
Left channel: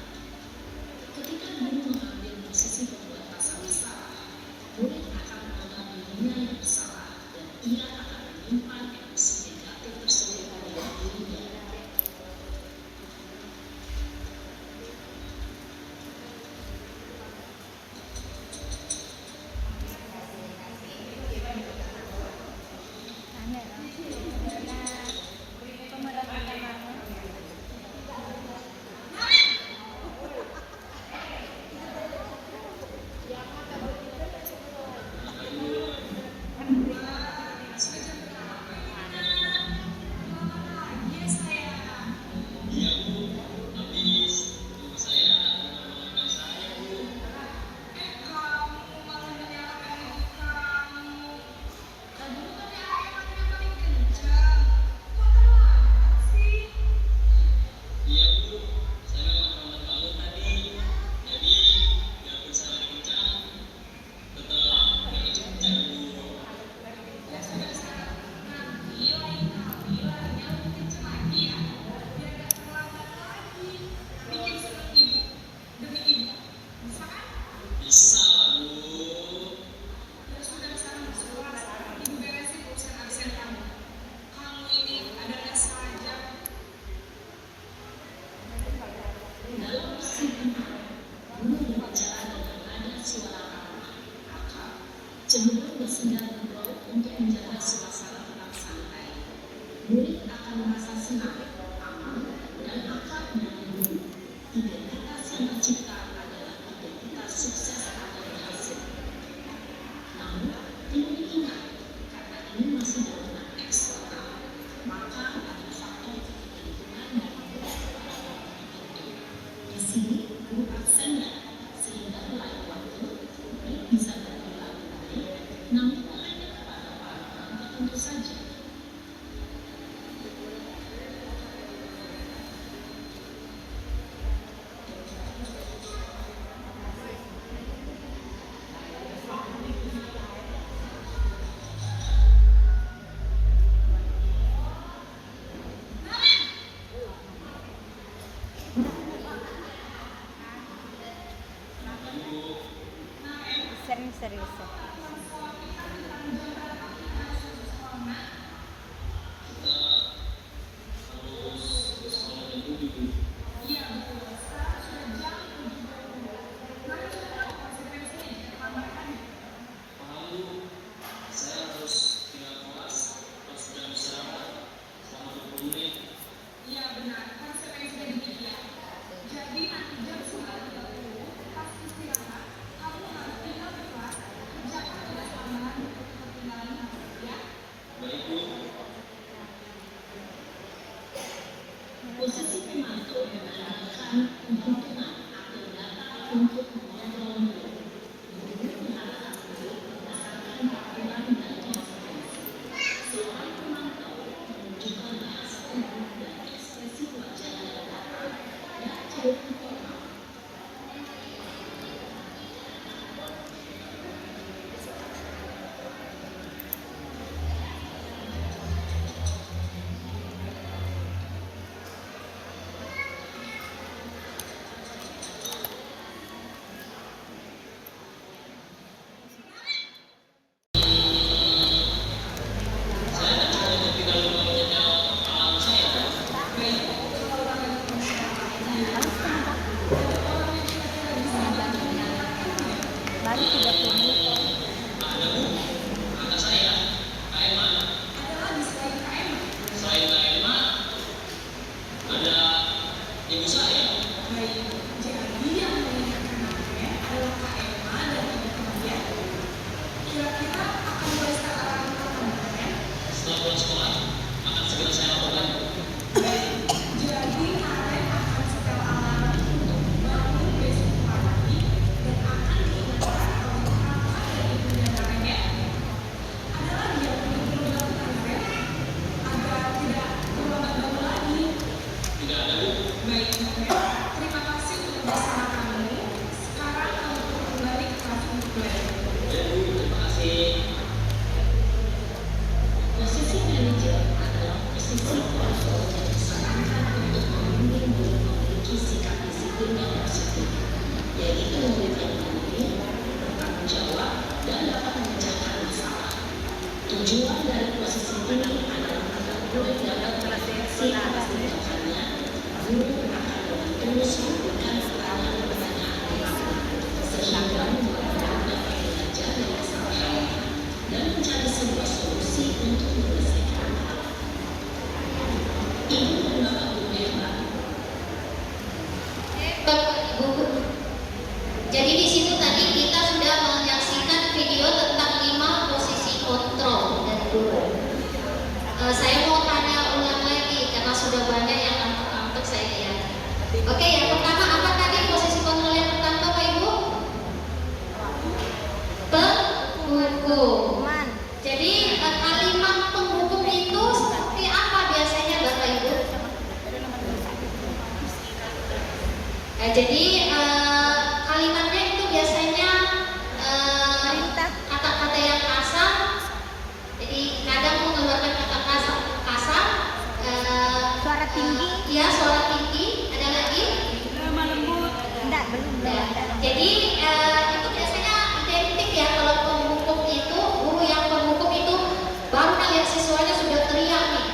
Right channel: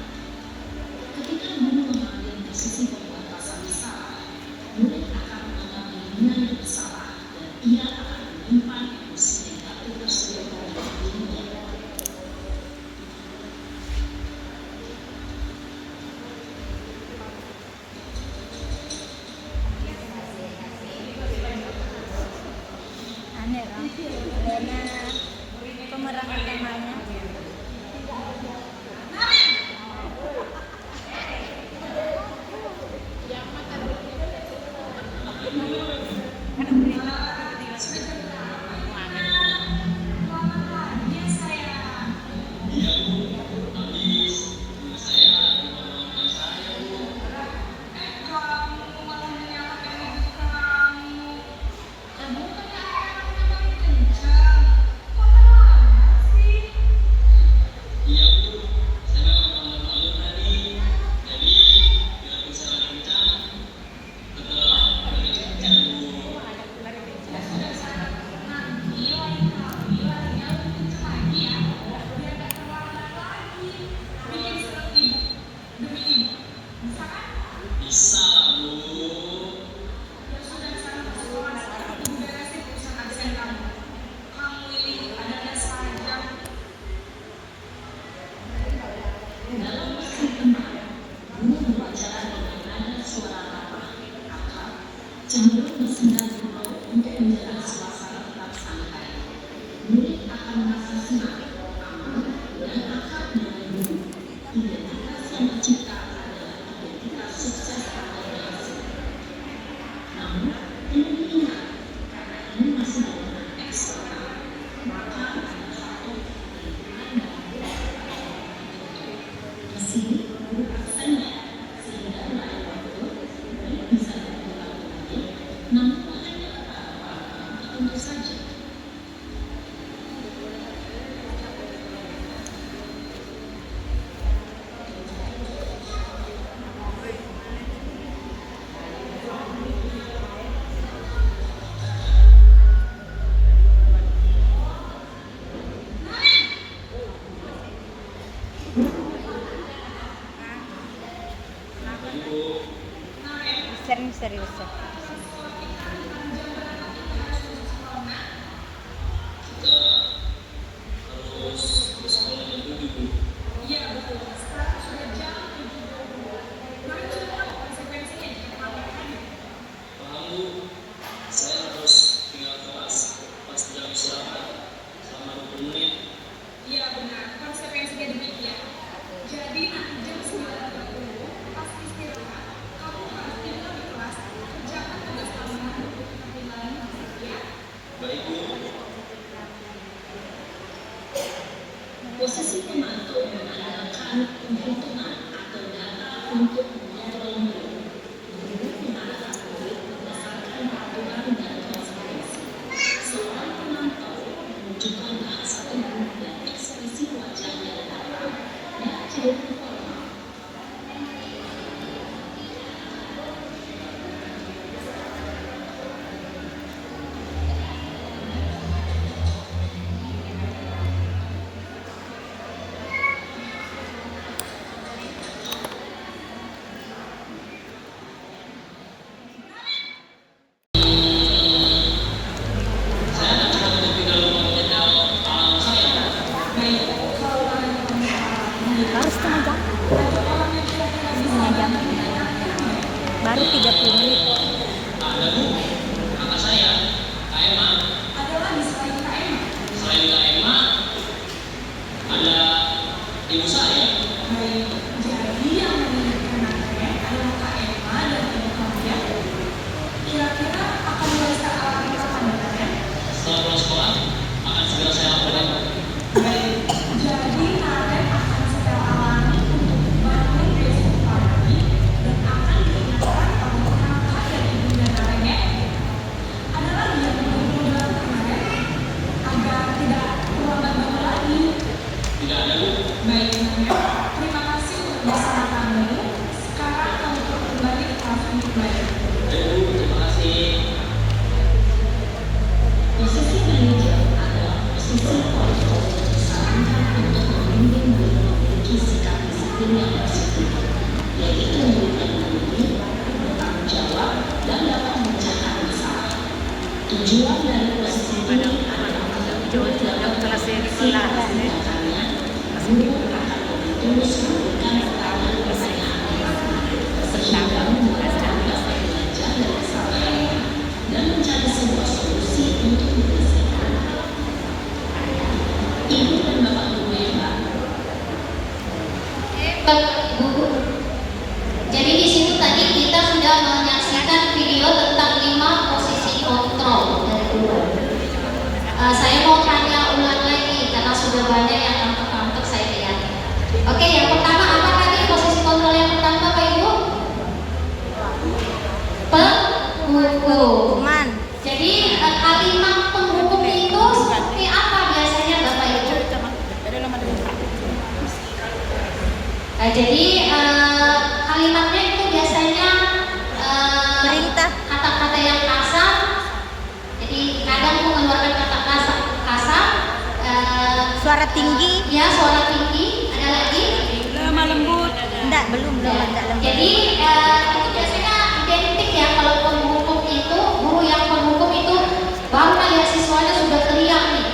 Ketika guru mengambil posisi membuat rasa bersalah, murid akan menganggap dirinya yang bersalah dan ia akan menyimpan emosi negatif tersebut pada dirinya. Aneh lah. Karena pemerangan temanya serius ya. Posisi pemantau mengandalkan penghitungan atau data untuk mengontrol mulut. Guru mengarahkan murid berdasarkan aturan dan konsekuensi. Seorang pemantau menunjukkan bahasa tubuh dan ekspresi wajah yang datar dan cenderung formal. Baru 30 menit. Posisi manajer adalah posisi kontrol yang disarankan untuk memimpin murid memiliki sikap disiplin yang positif, yaitu murid yang mandiri, bertanggung jawab, dan dapat memecahkan masalah. Tujuan dari posisi ini adalah agar murid dapat berefleksi atas tindakannya. Guru akan lebih terus memberikan pertanyaan-pertanyaan sehingga murid dapat belajar dari kesalahannya dan mencari sebuah solusi untuk menyelesaikan. Ibu dan bapak guru yang baru. Bapak Ibu. Jadi di situ tadi kita sudah menyaksikan video tentang 5 posisi kontrol dari guru. Saya mau tanya ulang lagi karena sudah banyak yang ngantuk-ngantuk saya lihat. Oke, yang pertama apa tadi posisi kontrol yang pertama Bapak Ibu? Penghukum. Jadi kalimat penghukum itu seperti apa biasanya Bapak Ibu? Jadi kalimatnya itu biasanya kata-kata yang kasar. Jadi kadang mengeluarkan kata kasar, Suara tinggi, ya suara tinggi. Ada lagi? lemah lembut. Enggak, belum Ya. enggak lembut. Jadi itu biasanya identik ya kalau penghukum itu, guru yang penghukum itu baru melihat siswanya sudah teriak nih,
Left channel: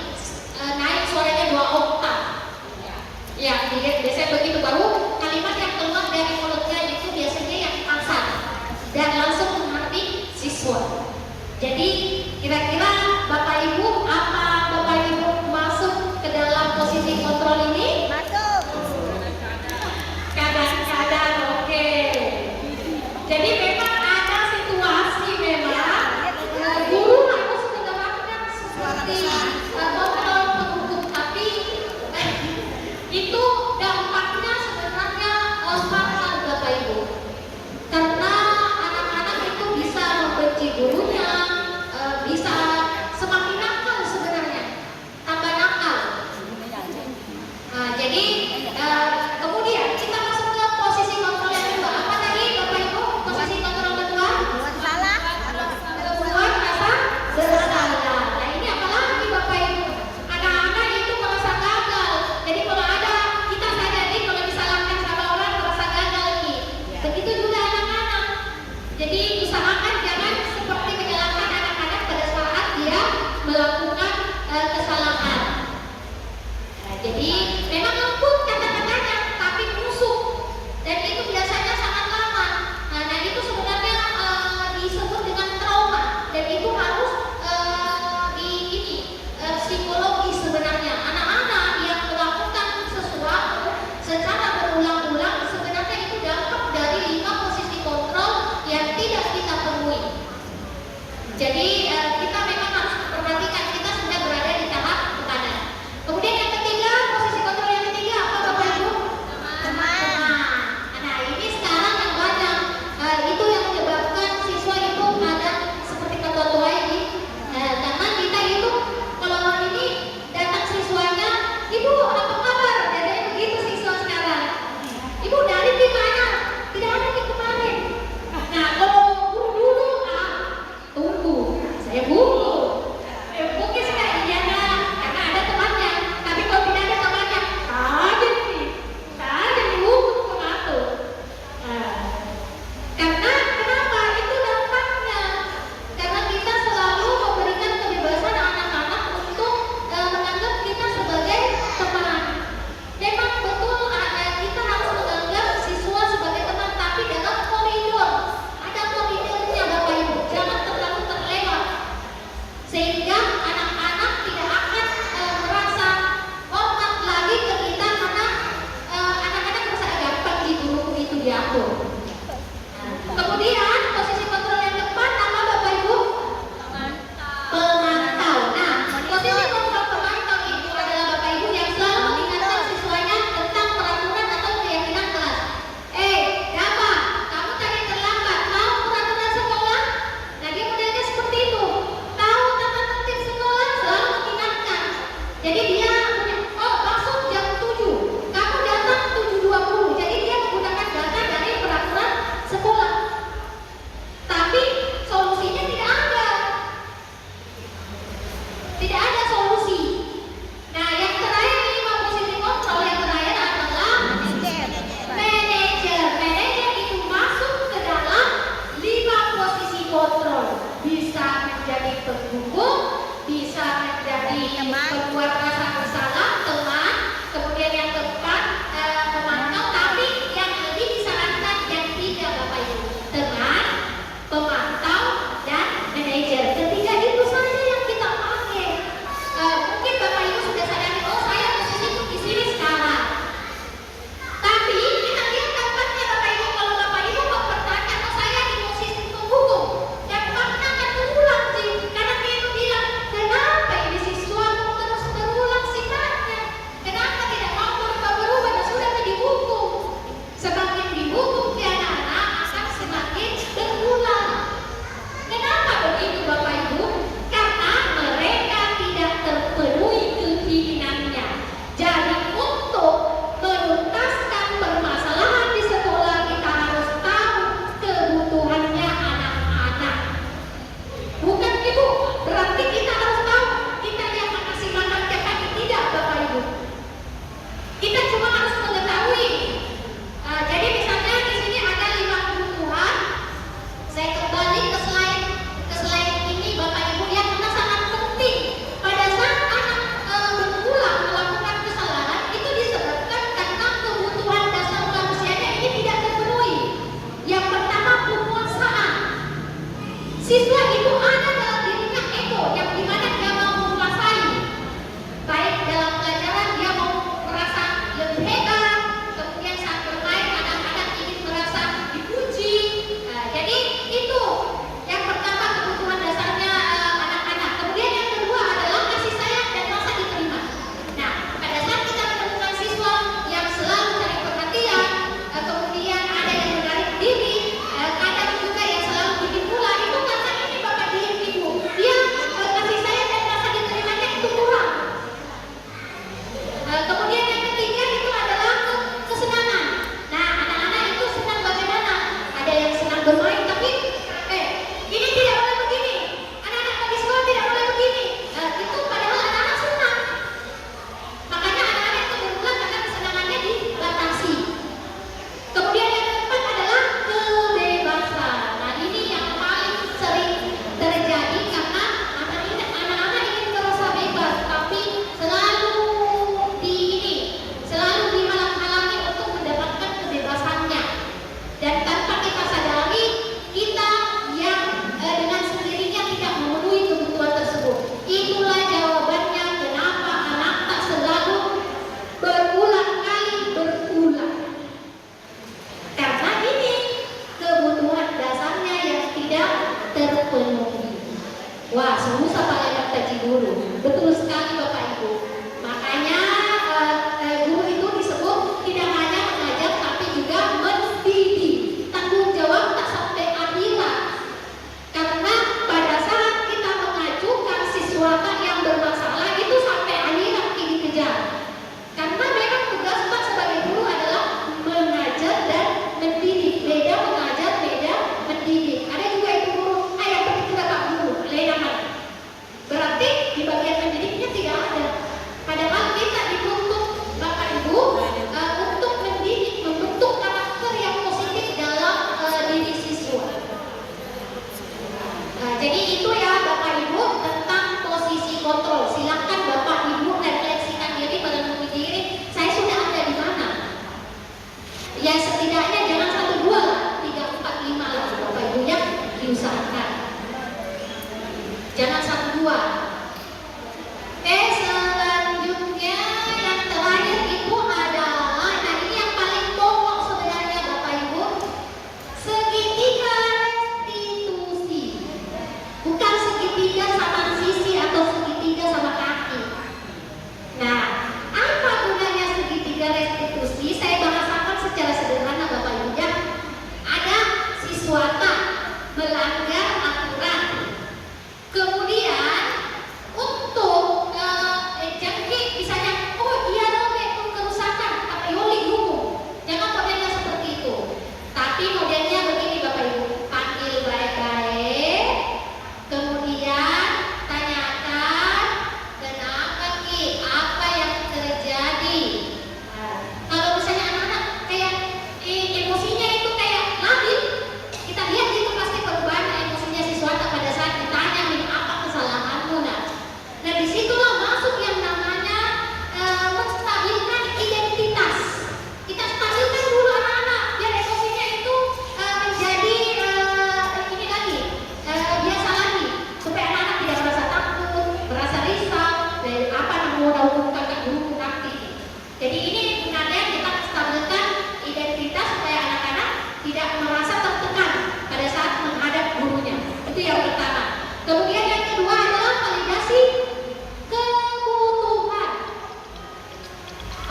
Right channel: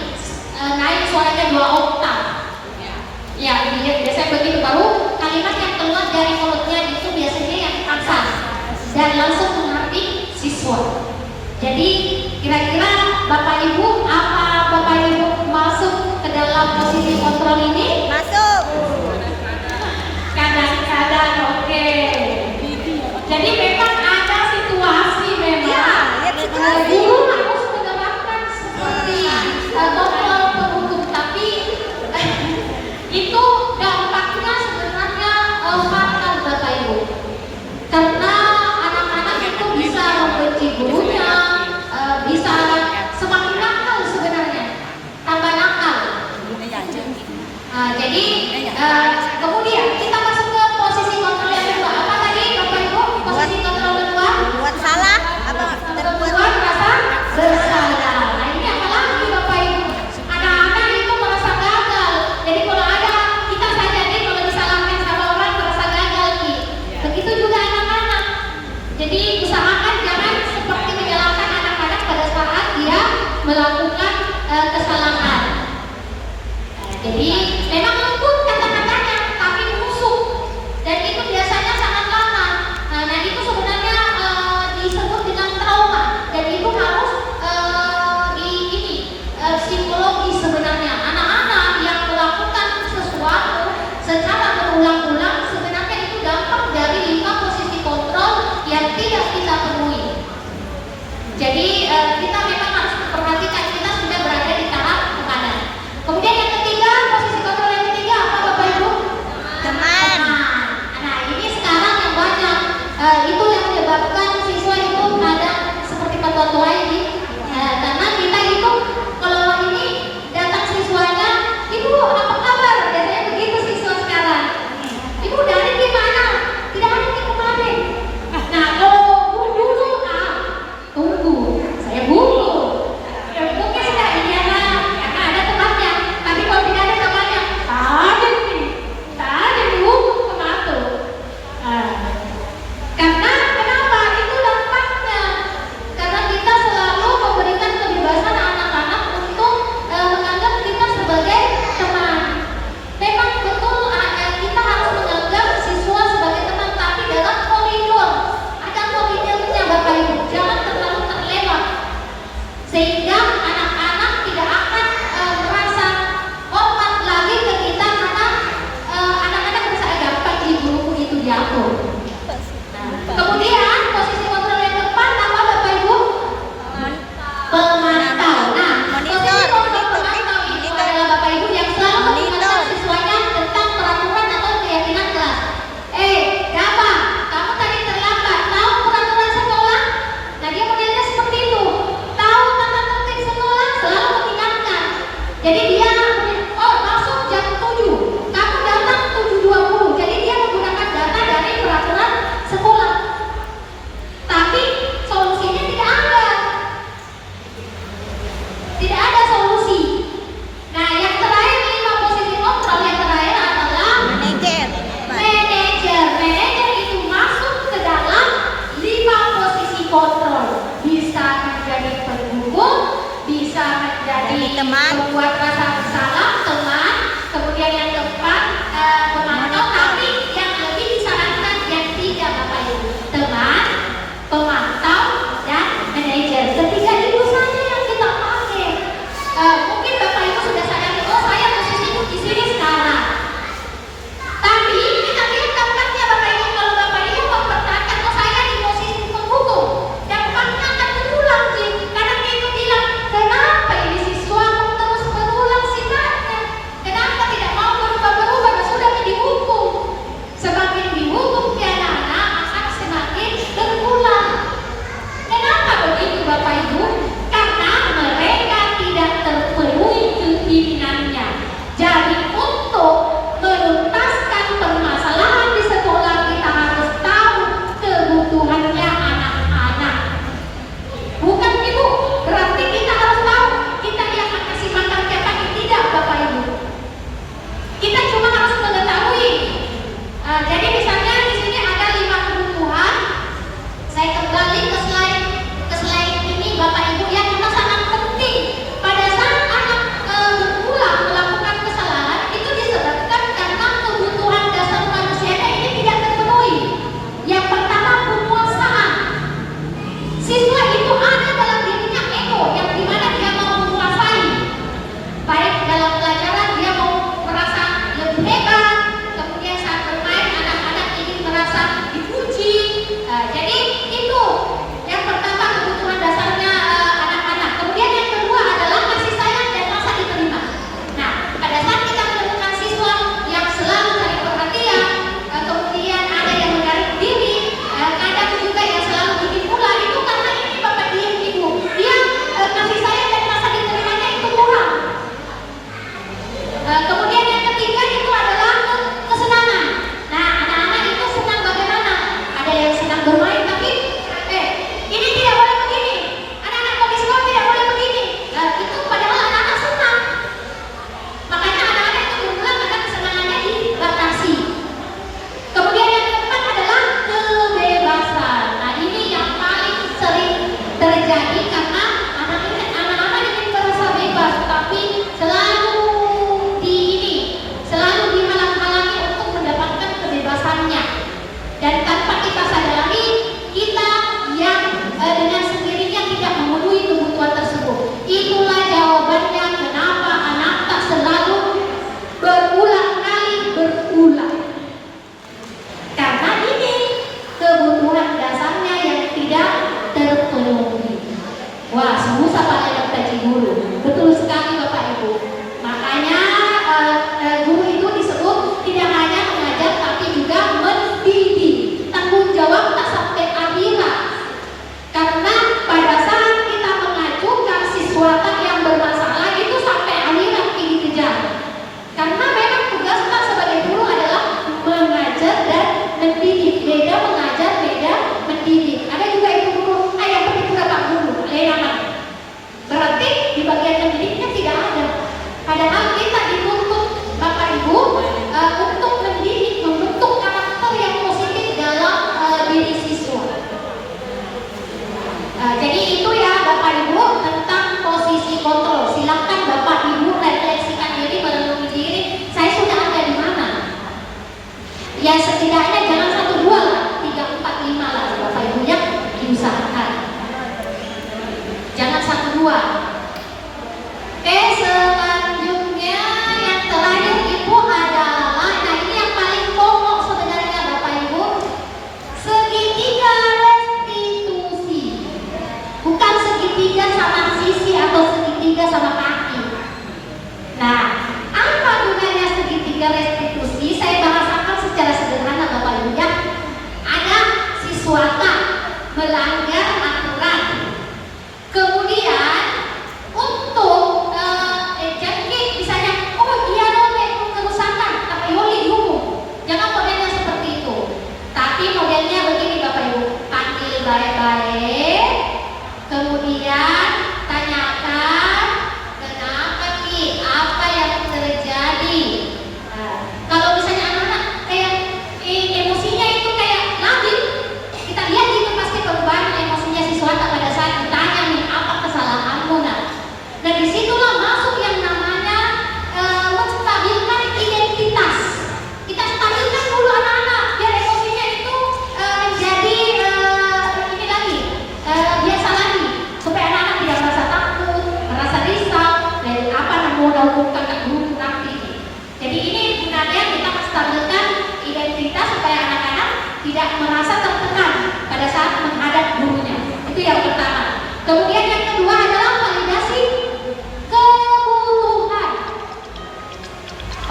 naik suaranya 2 oktav. Ya, biasanya begitu, baru kalimat yang keluar dari mulutnya itu biasanya yang kasar dan langsung menghati siswa. Jadi kira-kira Bapak Ibu, apa Bapak Ibu masuk ke dalam posisi kontrol ini? Masuk. Kadang-kadang, oke. Jadi memang lembut kata-katanya, tapi menusuk, dan itu biasanya sangat lama. Nah itu sebenarnya disebut dengan trauma, dan itu harus psikologi sebenarnya. Anak-anak yang melakukan sesuatu secara berulang-ulang sebenarnya itu dampak dari 5 posisi kontrol yang tidak kita penuhi. Jadi kita memang harus memperhatikan kita sudah berada di tahap mana. Kemudian yang ketiga, posisi kontrol yang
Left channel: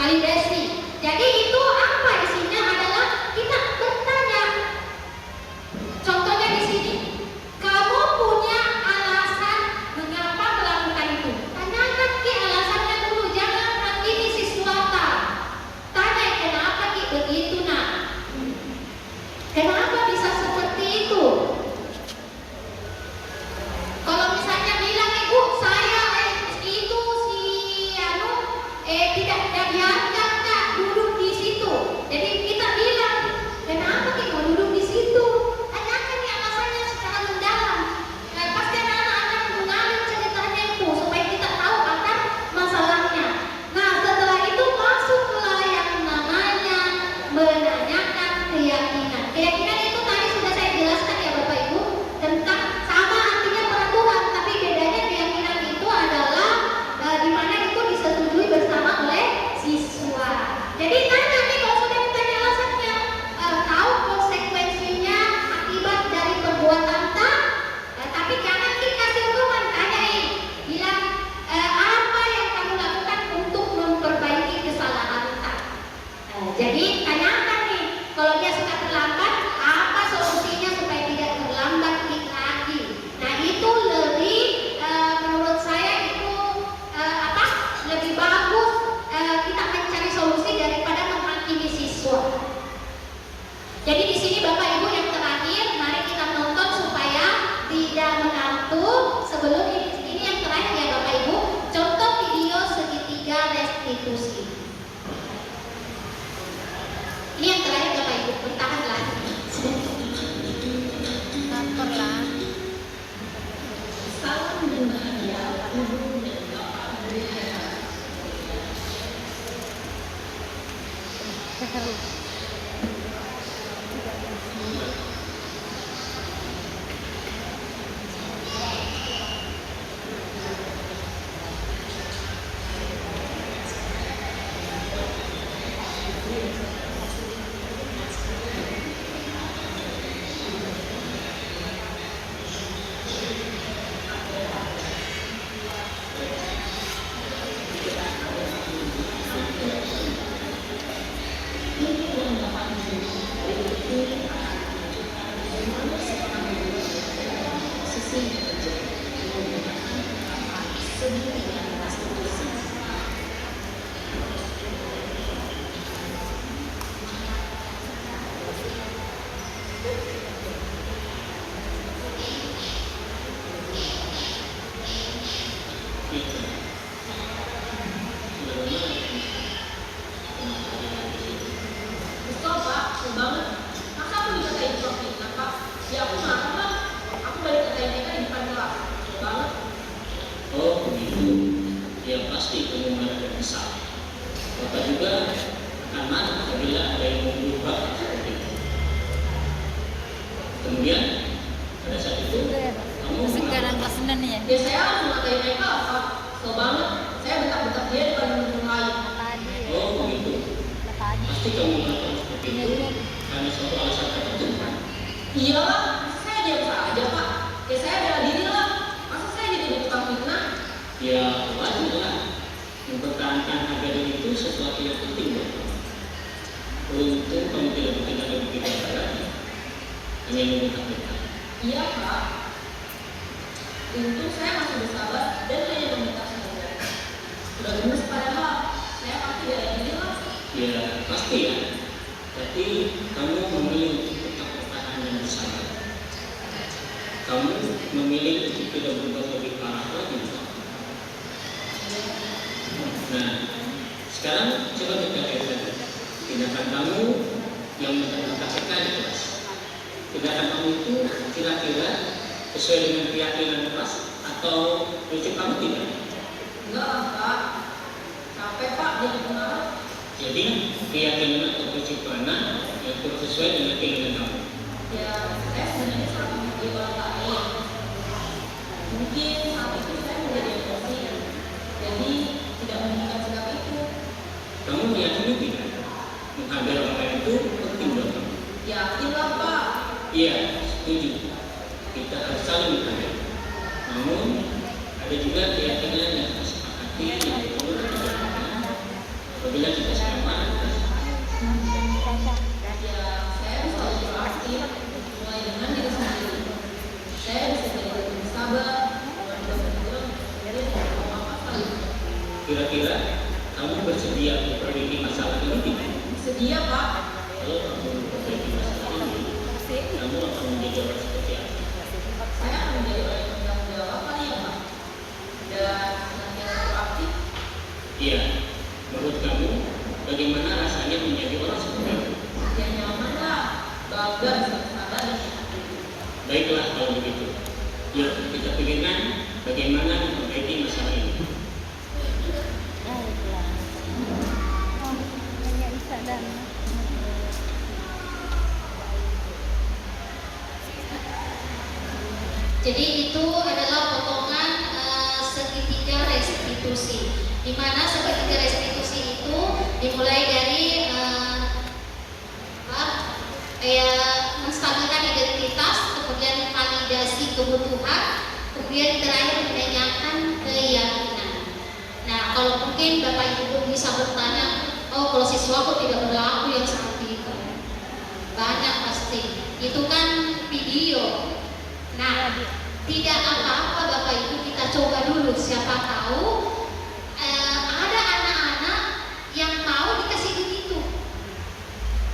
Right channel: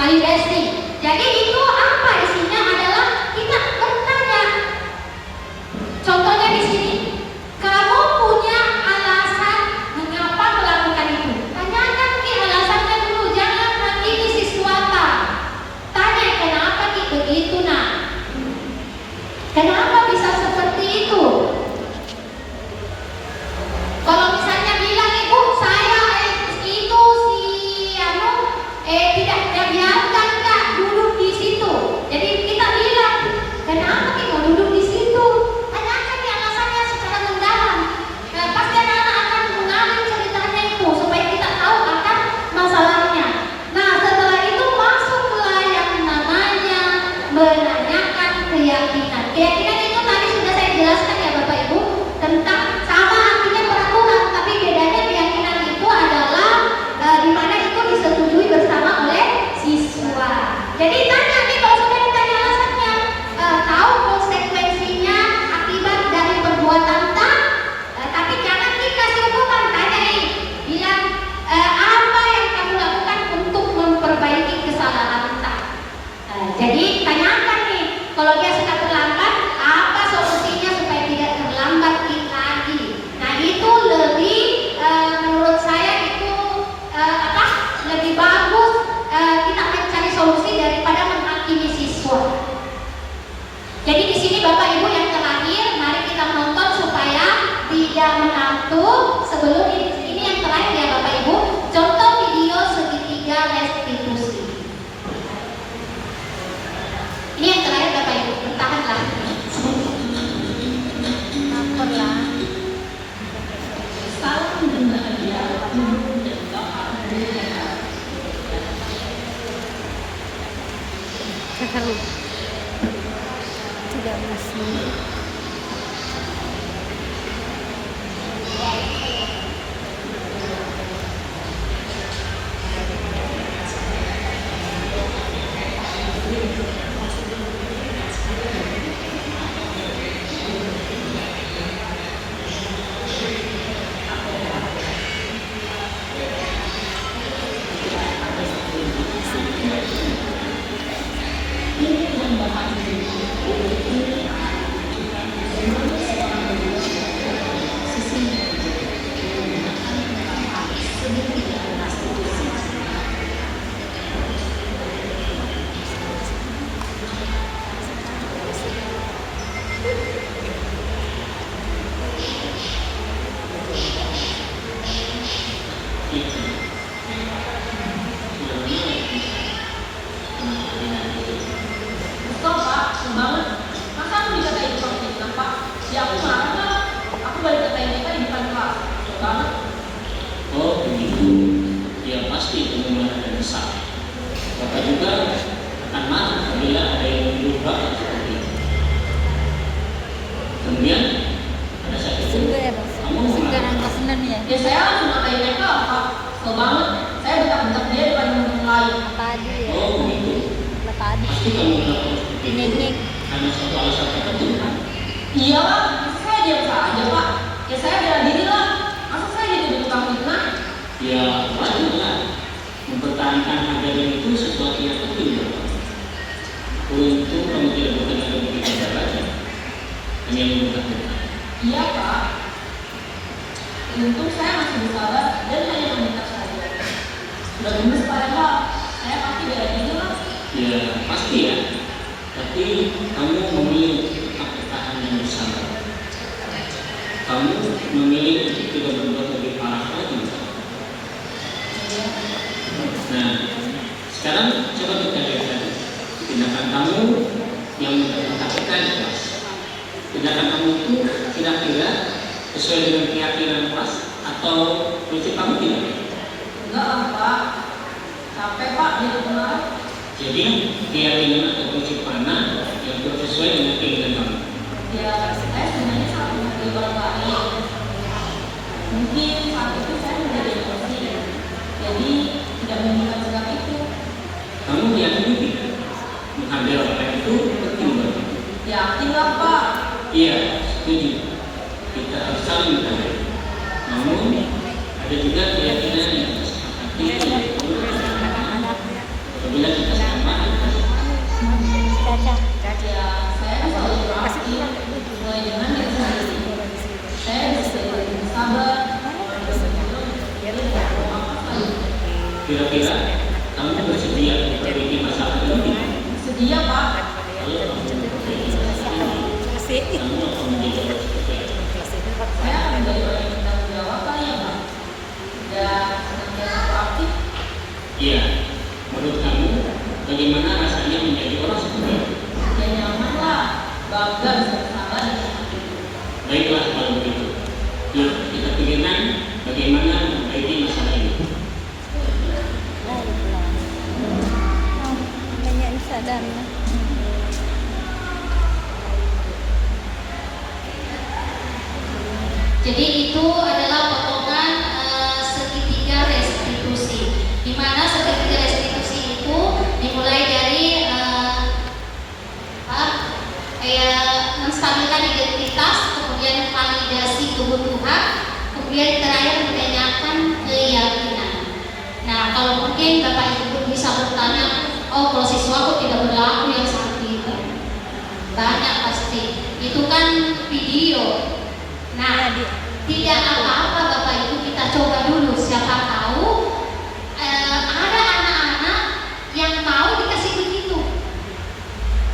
validasi. Jadi itu apa isinya adalah kita bertanya. Contohnya di sini, kamu punya alasan mengapa melakukan itu. Tanyakan Ki alasannya dulu, jangan hakimi siswata. Tanya kenapa Ki begitu nak? Kenapa bisa seperti itu? Kalau misalnya bilang ibu saya itu si tidak biarkan Kak duduk di situ. Jadi kita bilang kenapa Ki mau duduk di situ? Tanyakan Ki alasannya secara mendalam. Pasti anak akan mengalir ceritanya itu supaya kita tahu akan masalahnya. Nah setelah itu masuklah yang namanya menanyakan keyakinan. Keyakinan itu tadi sudah saya jelaskan ya Bapak Ibu tentang sama artinya peraturan, tapi bedanya keyakinan itu adalah di mana itu disetujui bersama oleh siswa. Jadi tanya nih kalau sudah ditanya alasannya, tahu konsekuensinya akibat dari perbuatan tak, tapi jangan dikasih hukuman. Tanya nih, bilang apa yang kamu lakukan untuk memperbaiki kesalahan tak. Jadi tanyakan nih, kalau dia suka terlambat, apa solusinya supaya tidak terlambat lagi? Nah itu lebih menurut saya itu lebih bagus kita mencari solusi daripada menghakimi siswa. Jadi di sini Bapak Ibu yang terakhir, mari kita nonton supaya tidak mengantuk. Sebelum ini yang terakhir ya Bapak Ibu, contoh video segitiga restitusi. Ini yang terakhir Bapak Ibu, bertahanlah. Salam dan bahagia, Ibu dan Bapak berharap. Oh begitu, ya pasti kemudian ada besar. Bapak juga akan marah apabila ada yang berubah seperti itu. Kemudian pada saat itu kamu Ya saya langsung ngatain mereka, Pak. Kesel banget. Saya bentak-bentak dia depan teman lain. oh begitu, pasti kamu melakukan seperti itu karena suatu alasan tertentu. Iya, masa saya diam saja, Pak. Ya saya bela diri lah. Masa saya jadi tukang fitnah? Ya wajarlah, mempertahankan harga diri itu sesuatu yang penting. Untung kamu tidak bekerja begitu lagi. Ingin memperhatikan. Iya, Pak. Untung saya masih bersabar dan hanya meminta saja. Sudah gemes padahal saya pasti bela diri lah. Ya pasti ya, tapi kamu memilih untuk tetap bertahan dan bersabar. Kamu memilih untuk tidak berbuat lebih parah lagi. Nah, sekarang coba kita lihat tindakan kamu yang mengatakan keras. Tindakan kamu itu kira-kira sesuai dengan keyakinan keras atau prinsip kamu tidak? Enggak, Pak. Capek, Pak. Dia kenal. Jadi keyakinan atau prinsip mana yang sesuai dengan keinginan kamu? Ya, saya sebenarnya sangat menghargai orang lain. Mungkin saat itu saya menjadi emosi, jadi tidak mengingat sikap itu. Kamu yakini tidak? Menghargai orang lain itu penting bagi. Yakin lah, Pak. Iya, setuju. Kita harus saling menghargai. Namun ada juga keyakinan yang disepakati yang perlu kita jaga. Apabila kita ya saya bisa lebih aktif mulai dengan diri sendiri. Saya bisa jadi lebih sabar, Kira-kira kamu bersedia memperbaiki masalah ini? sedia Pak. Kalau kamu memperbaiki masalah ini, kamu akan menjadi orang seperti apa? Saya menjadi orang yang bertanggung jawab kali ya Pak. Dan senantiasa proaktif. Iya. Menurut kamu, bagaimana rasanya menjadi orang seperti itu? Ya nyaman lah, bangga bisa bersabar. Baiklah kalau begitu. Yuk kita pikirkan bagaimana memperbaiki masalah ini. Jadi itu adalah potongan segitiga restitusi, di mana segitiga restitusi itu dimulai dari menstabilkan identitas, kemudian validasi kebutuhan, kemudian terakhir menanyakan keyakinan. Nah, kalau mungkin Bapak Ibu bisa bertanya, oh kalau siswaku tidak berlaku yang seperti itu, banyak pasti. Itu kan video. Nah, tidak apa-apa Bapak Ibu, kita coba dulu. Siapa tahu ada anak-anak yang mau dikasih begitu.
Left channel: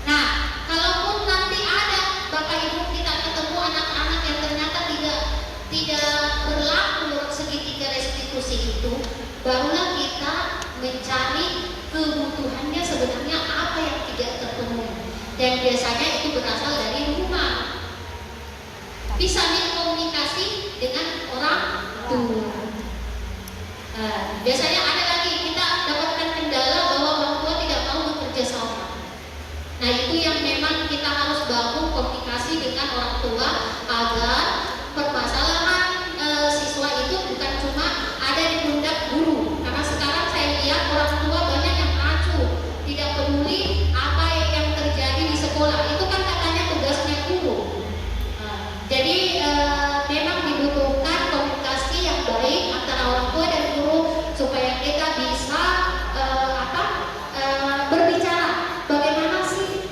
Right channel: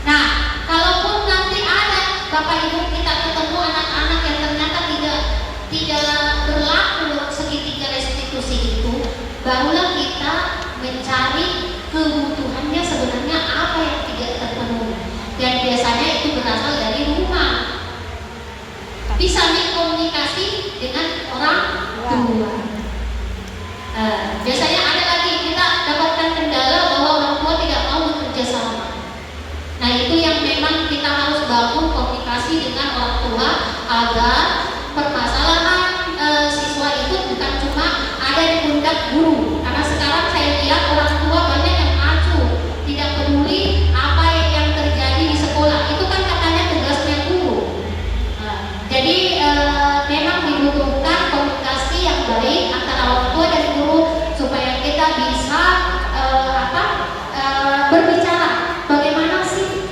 Nah, kalaupun nanti ada Bapak Ibu kita ketemu anak-anak yang ternyata tidak berlaku segitiga restitusi itu, barulah kita mencari kebutuhannya sebenarnya apa yang tidak terpenuhi. Dan biasanya itu berasal dari rumah. Bisa nih komunikasi dengan orang tua. Biasanya ada lagi kita dapatkan kendala bahwa orang tua tidak mau bekerja sama. Nah, itu yang memang kita harus bangun komunikasi dengan orang tua agar permasalahan siswa itu bukan cuma ada di pundak guru. Karena sekarang saya lihat orang tua banyak yang acuh, tidak peduli apa yang terjadi di sekolah. Itu kan katanya tugasnya guru. Jadi memang dibutuhkan komunikasi yang baik antara orang tua dan guru supaya kita bisa berbicara bagaimana sih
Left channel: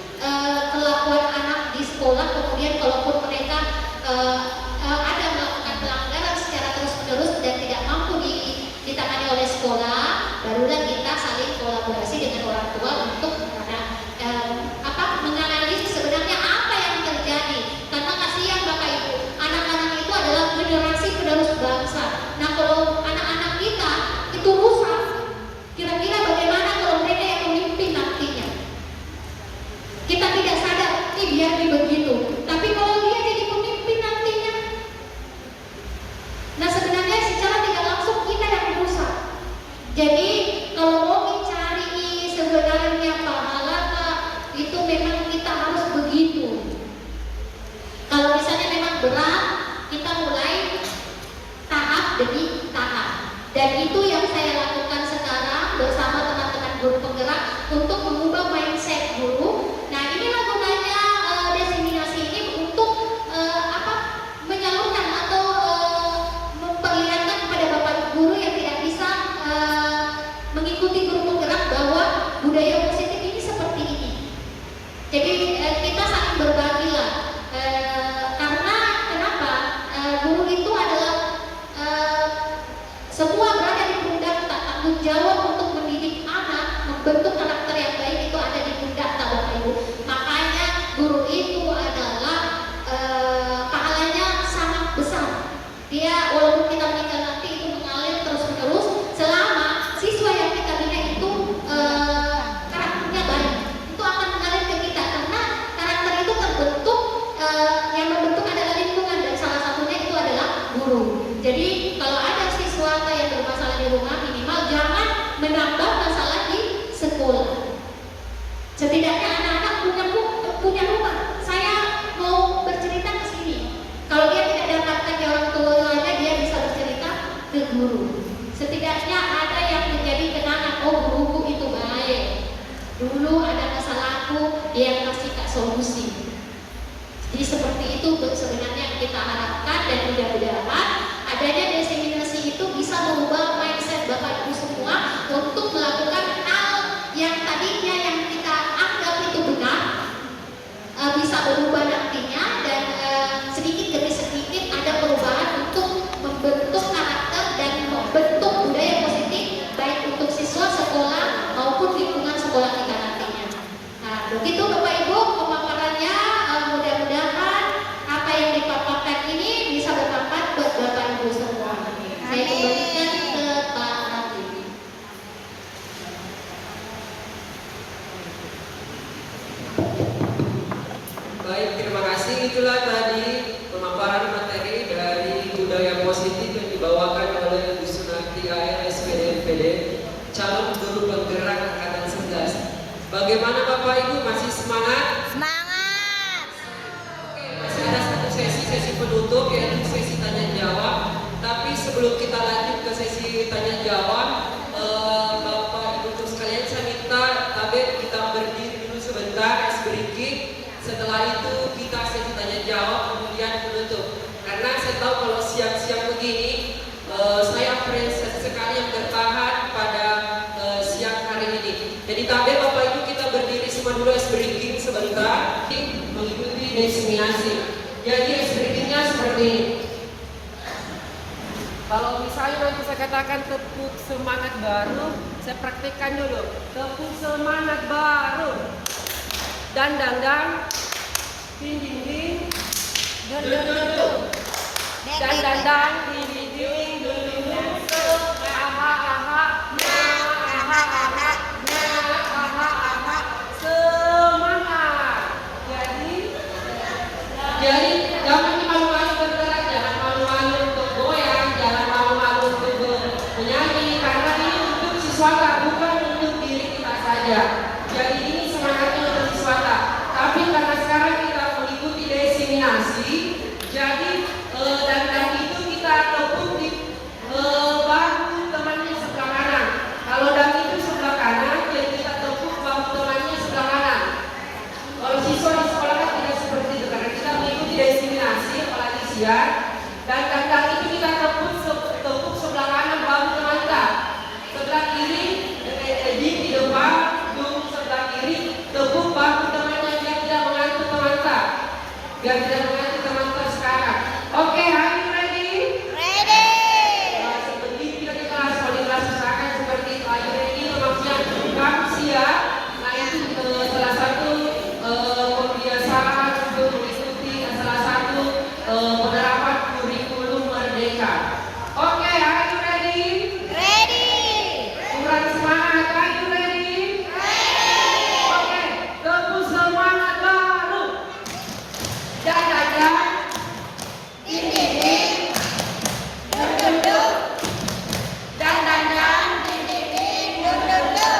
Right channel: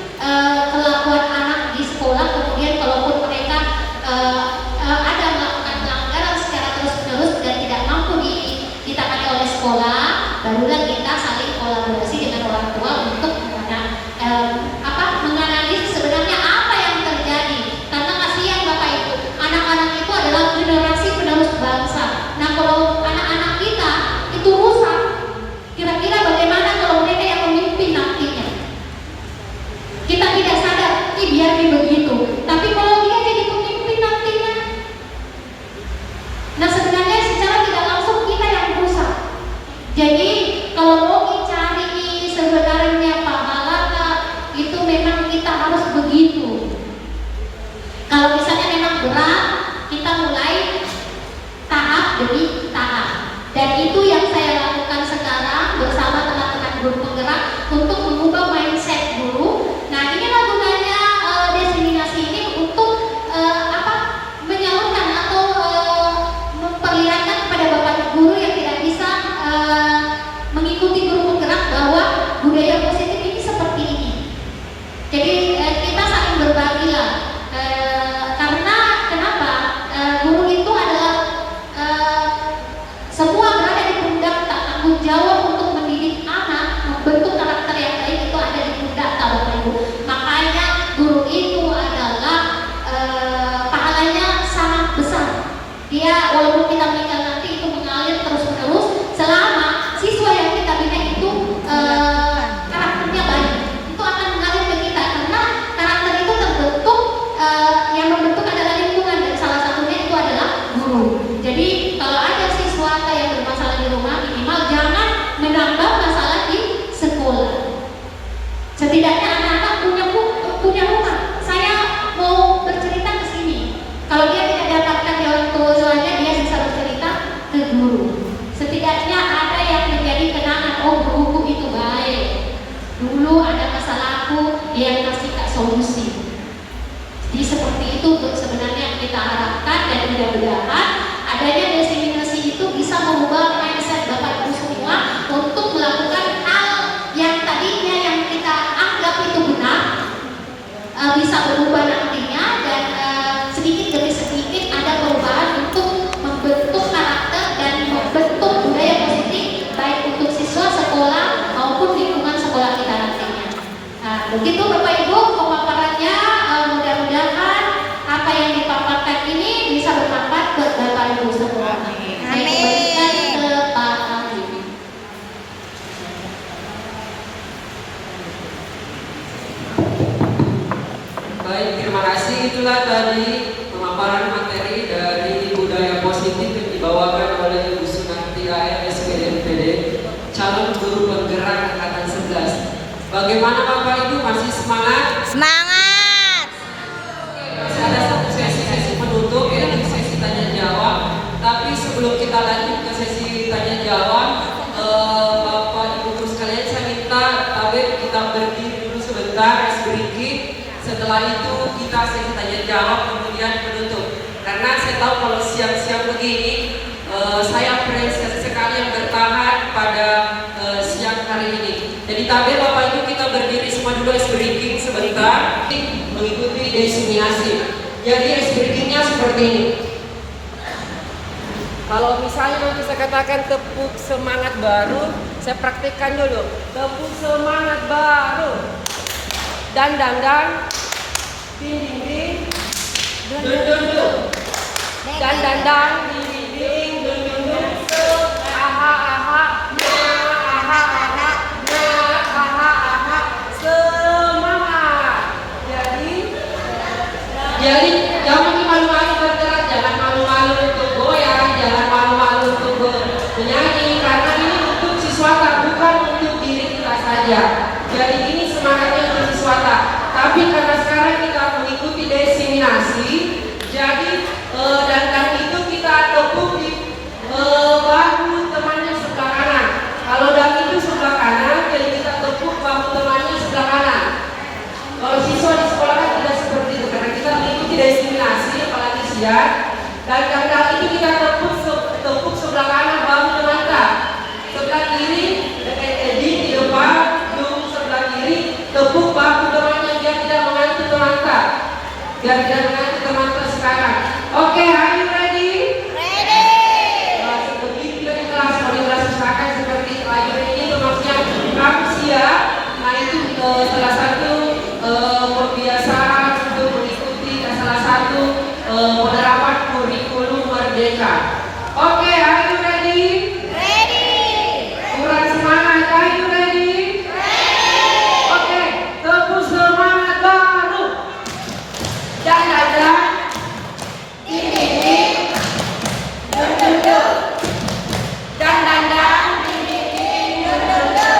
kelakuan anak di sekolah. Kemudian kalaupun mereka ada melakukan pelanggaran secara terus-menerus dan tidak mampu ditangani oleh sekolah, barulah kita saling kolaborasi dengan orang tua untuk menganalisis sebenarnya apa yang terjadi. Karena kasihan Bapak Ibu, anak-anak itu adalah generasi penerus bangsa. Nah, kalau anak-anak kita itu rusak, kira-kira bagaimana kalau mereka yang memimpin nantinya? Kita tidak sadar, biar begitu. Tapi kalau dia jadi pemimpin nantinya, nah sebenarnya secara tidak langsung kita yang rusak. Jadi kalau mau cari sebenarnya pahala, itu memang kita harus begitu. Kalau misalnya memang berat, kita mulai tahap demi tahap. Dan itu yang saya lakukan sekarang bersama teman-teman guru penggerak untuk mengubah mindset guru. Nah, inilah gunanya diseminasi ini untuk menyalurkan atau memperlihatkan kepada bapak guru yang tidak bisa mengikuti guru penggerak bahwa budaya positif ini seperti ini. Jadi kita saling berbagi lah. Karena kenapa? Guru itu adalah semua berada di pundak tak tanggung jawab untuk mendidik anak, membentuk karakter yang baik itu ada di pundak Bapak Ibu. Makanya guru itu adalah pahalanya sangat besar. Dia walaupun kita meninggal nanti itu mengalir terus-menerus selama siswa yang kita bina itu karakternya baik. Itu akan mengalir ke kita karena karakter itu terbentuk, yang membentuk adalah lingkungan dan salah satunya itu adalah guru. Jadi kalau ada siswa yang bermasalah di rumah, minimal jangan menambah masalah di sekolah. Setidaknya anak-anak punya rumah. Saya mau bercerita ke sini. Kalau dia tidak dapatkan di orang tuanya, dia bisa bercerita ke guru. Setidaknya ada yang menjadi kenangan. Oh, guruku itu baik. Dulu ada masalahku, dia yang kasih solusi. Jadi seperti itu sebenarnya yang kita harapkan, dan mudah-mudahan adanya diseminasi itu bisa mengubah mindset Bapak Ibu semua untuk melakukan hal yang tadinya yang kita anggap itu benar, begitu Bapak Ibu pemaparannya. Mudah-mudahan apa yang dipaparkan ini bisa bermanfaat ke Bapak Ibu semua. Saya kembalikan ke Pak Habib. Baik, terima kasih. Itulah tadi pemaparan materi dari budaya positif yang dibawakan oleh Ibu Sunarti AN SPDMPD, calon guru penggerak angkatan 11. Bagaimana Bapak Ibu, masih semangat? Semangat. Oke, masih ada satu sesi penutup, yaitu sesi tanya jawab. Tapi sebelum kita lanjut ke sesi tanya jawab, Bapak Ibu sekalian, saya minta tabir kita berdiri dulu sebentar, ice breaking. Setelah itu kita sesi tanya jawab, kemudian penutup. Karena saya tahu kalau siang-siang begini, saya apresiasi sekali yang bertahan pada siang hari ini. Jadi tabir Bapak Ibu kita berdiri semua dulu, ice breaking sebentar, mengikuti desiminasi. Jadi ice breakingnya seperti ini. Kalau misalnya nanti saya katakan tepuk semangat baru, saya praktekkan dulu. Tepuk semangat baru. Dan, ding ding ding, dun dun dun dun. Dan, ding ding ding, dun dun dun. Aha aha, aha aha, aha aha. Semangat. Jadi jangan malu-malu bergerak, jangan malu-malu untuk goyang, jangan malu-malu untuk menyanyi, karena ini untuk siswata, bukan untuk diri kita saja. Jadi ini semangatnya untuk siswata. Tapi karena sekarang kita mengikuti desiminasi, jadi dan itu kita tepuk di bahu temannya sebelah kanan. Kalau dan itu sebelah kanan, jadi kita tepuk bahu temannya sebelah kanan. Kalau siswa di sekolah kan tidak seperti itu, karena kita mengikuti desiminasi, apalagi siang. Dan itu kita tepuk sebelah kanan bahu teman kita. Sebelah kiri, di depan, sebelah kiri, tepuk bahu temannya biar tidak mengantuk teman kita. Biar tidak mengantuk teman kita sekarang. Oke, are you ready? Ready. Seperti kita di kelas, kalau di kelas usahakan seperti itu. Are you ready? Itu maksudnya kamu siap. Nah itu salah satu pembiasaan untuk mengikuti salah satu penerapan kurikulum merdeka. Oke, are you ready? Ready. Kurang semangat, are you ready? Oke, tepuk semangat baru. Dan ding ding ding, dun dun dun. Dan ding ding ding, dun dun dun.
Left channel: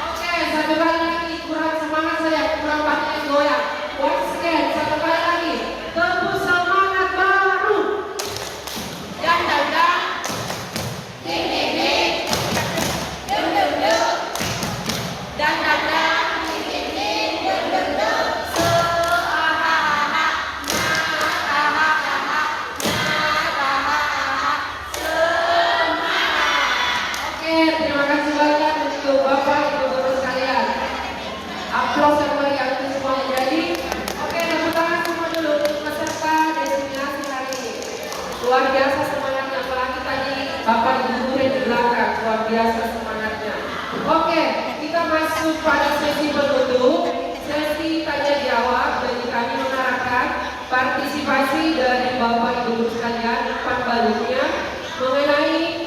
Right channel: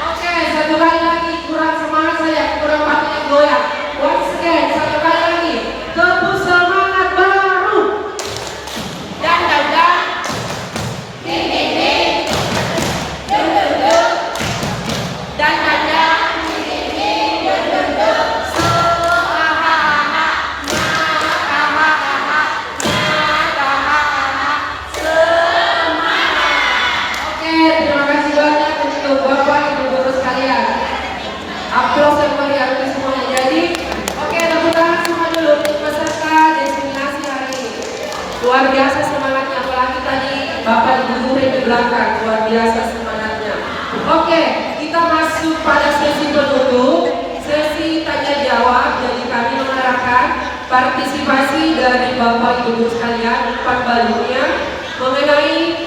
Oke, satu kali lagi, kurang semangat saya, kurang banyak yang goyang. Once again, satu kali lagi, tepuk semangat baru. Dan ding ding ding, dun dun dun. Dan ding ding ding, dun dun dun. Oke, terima kasih banyak untuk Bapak Ibu guru sekalian. Aplaus yang meriah untuk semuanya. Jadi, oke, tepuk tangan semua dulu untuk peserta desiminasi hari ini. Luar biasa semangatnya, apalagi tadi Bapak Ibu guru yang di belakang, luar biasa semangatnya. Oke, kita masuk pada sesi penutup, sesi tanya jawab. Jadi kami mengharapkan partisipasi dari Bapak Ibu guru sekalian, empat balurnya mengenai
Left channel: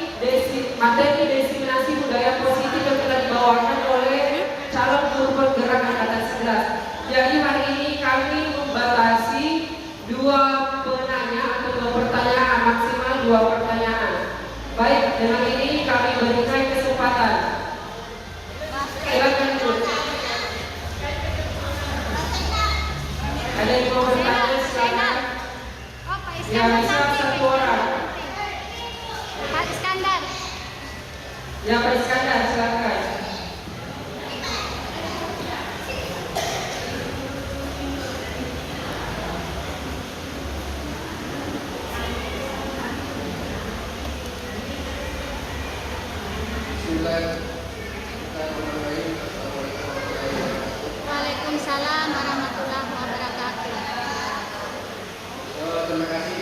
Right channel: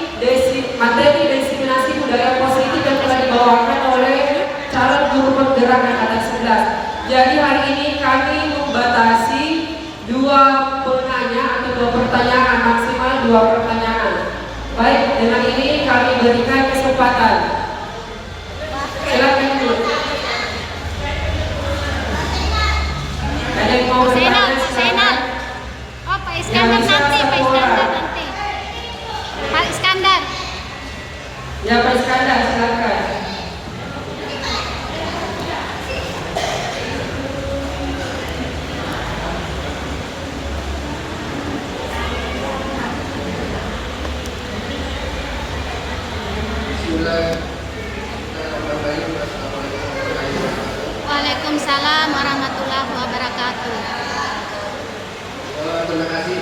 materi desiminasi budaya positif yang telah dibawakan oleh calon guru penggerak angkatan 11. Jadi hari ini kami membatasi 2 penanya atau 2 pertanyaan, maksimal 2 pertanyaan. Baik, dengan ini kami berikan kesempatan. Silakan Bu. Ada yang mau bertanya? Silakan. Oh, Pak Iskandar nanti, Pak Iskandar nanti. Pak Iskandar. Ya Pak Iskandar, silakan. Waalaikumsalam warahmatullahi wabarakatuh. Terima kasih.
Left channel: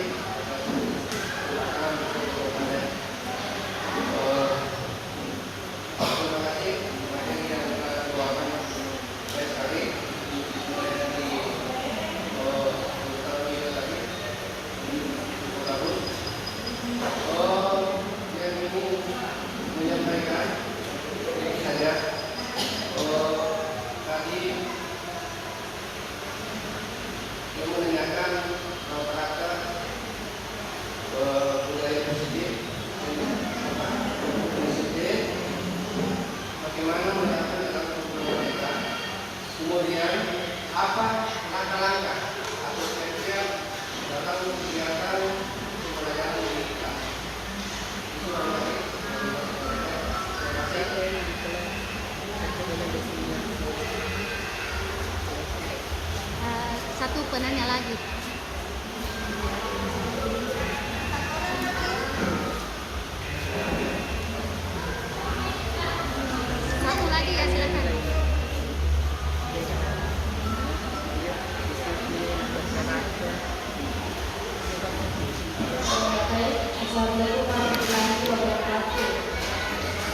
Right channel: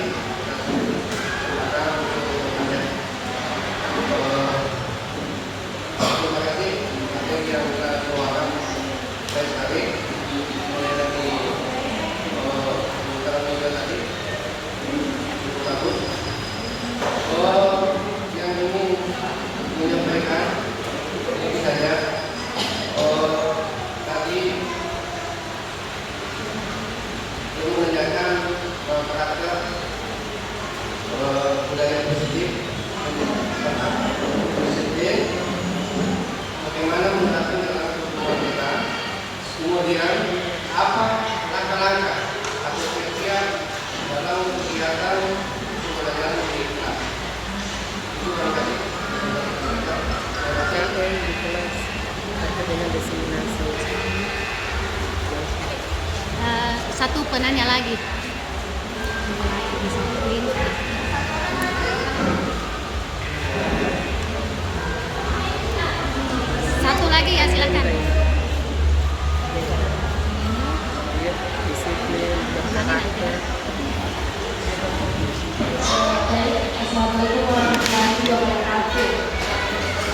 Assalamualaikum warahmatullahi wabarakatuh.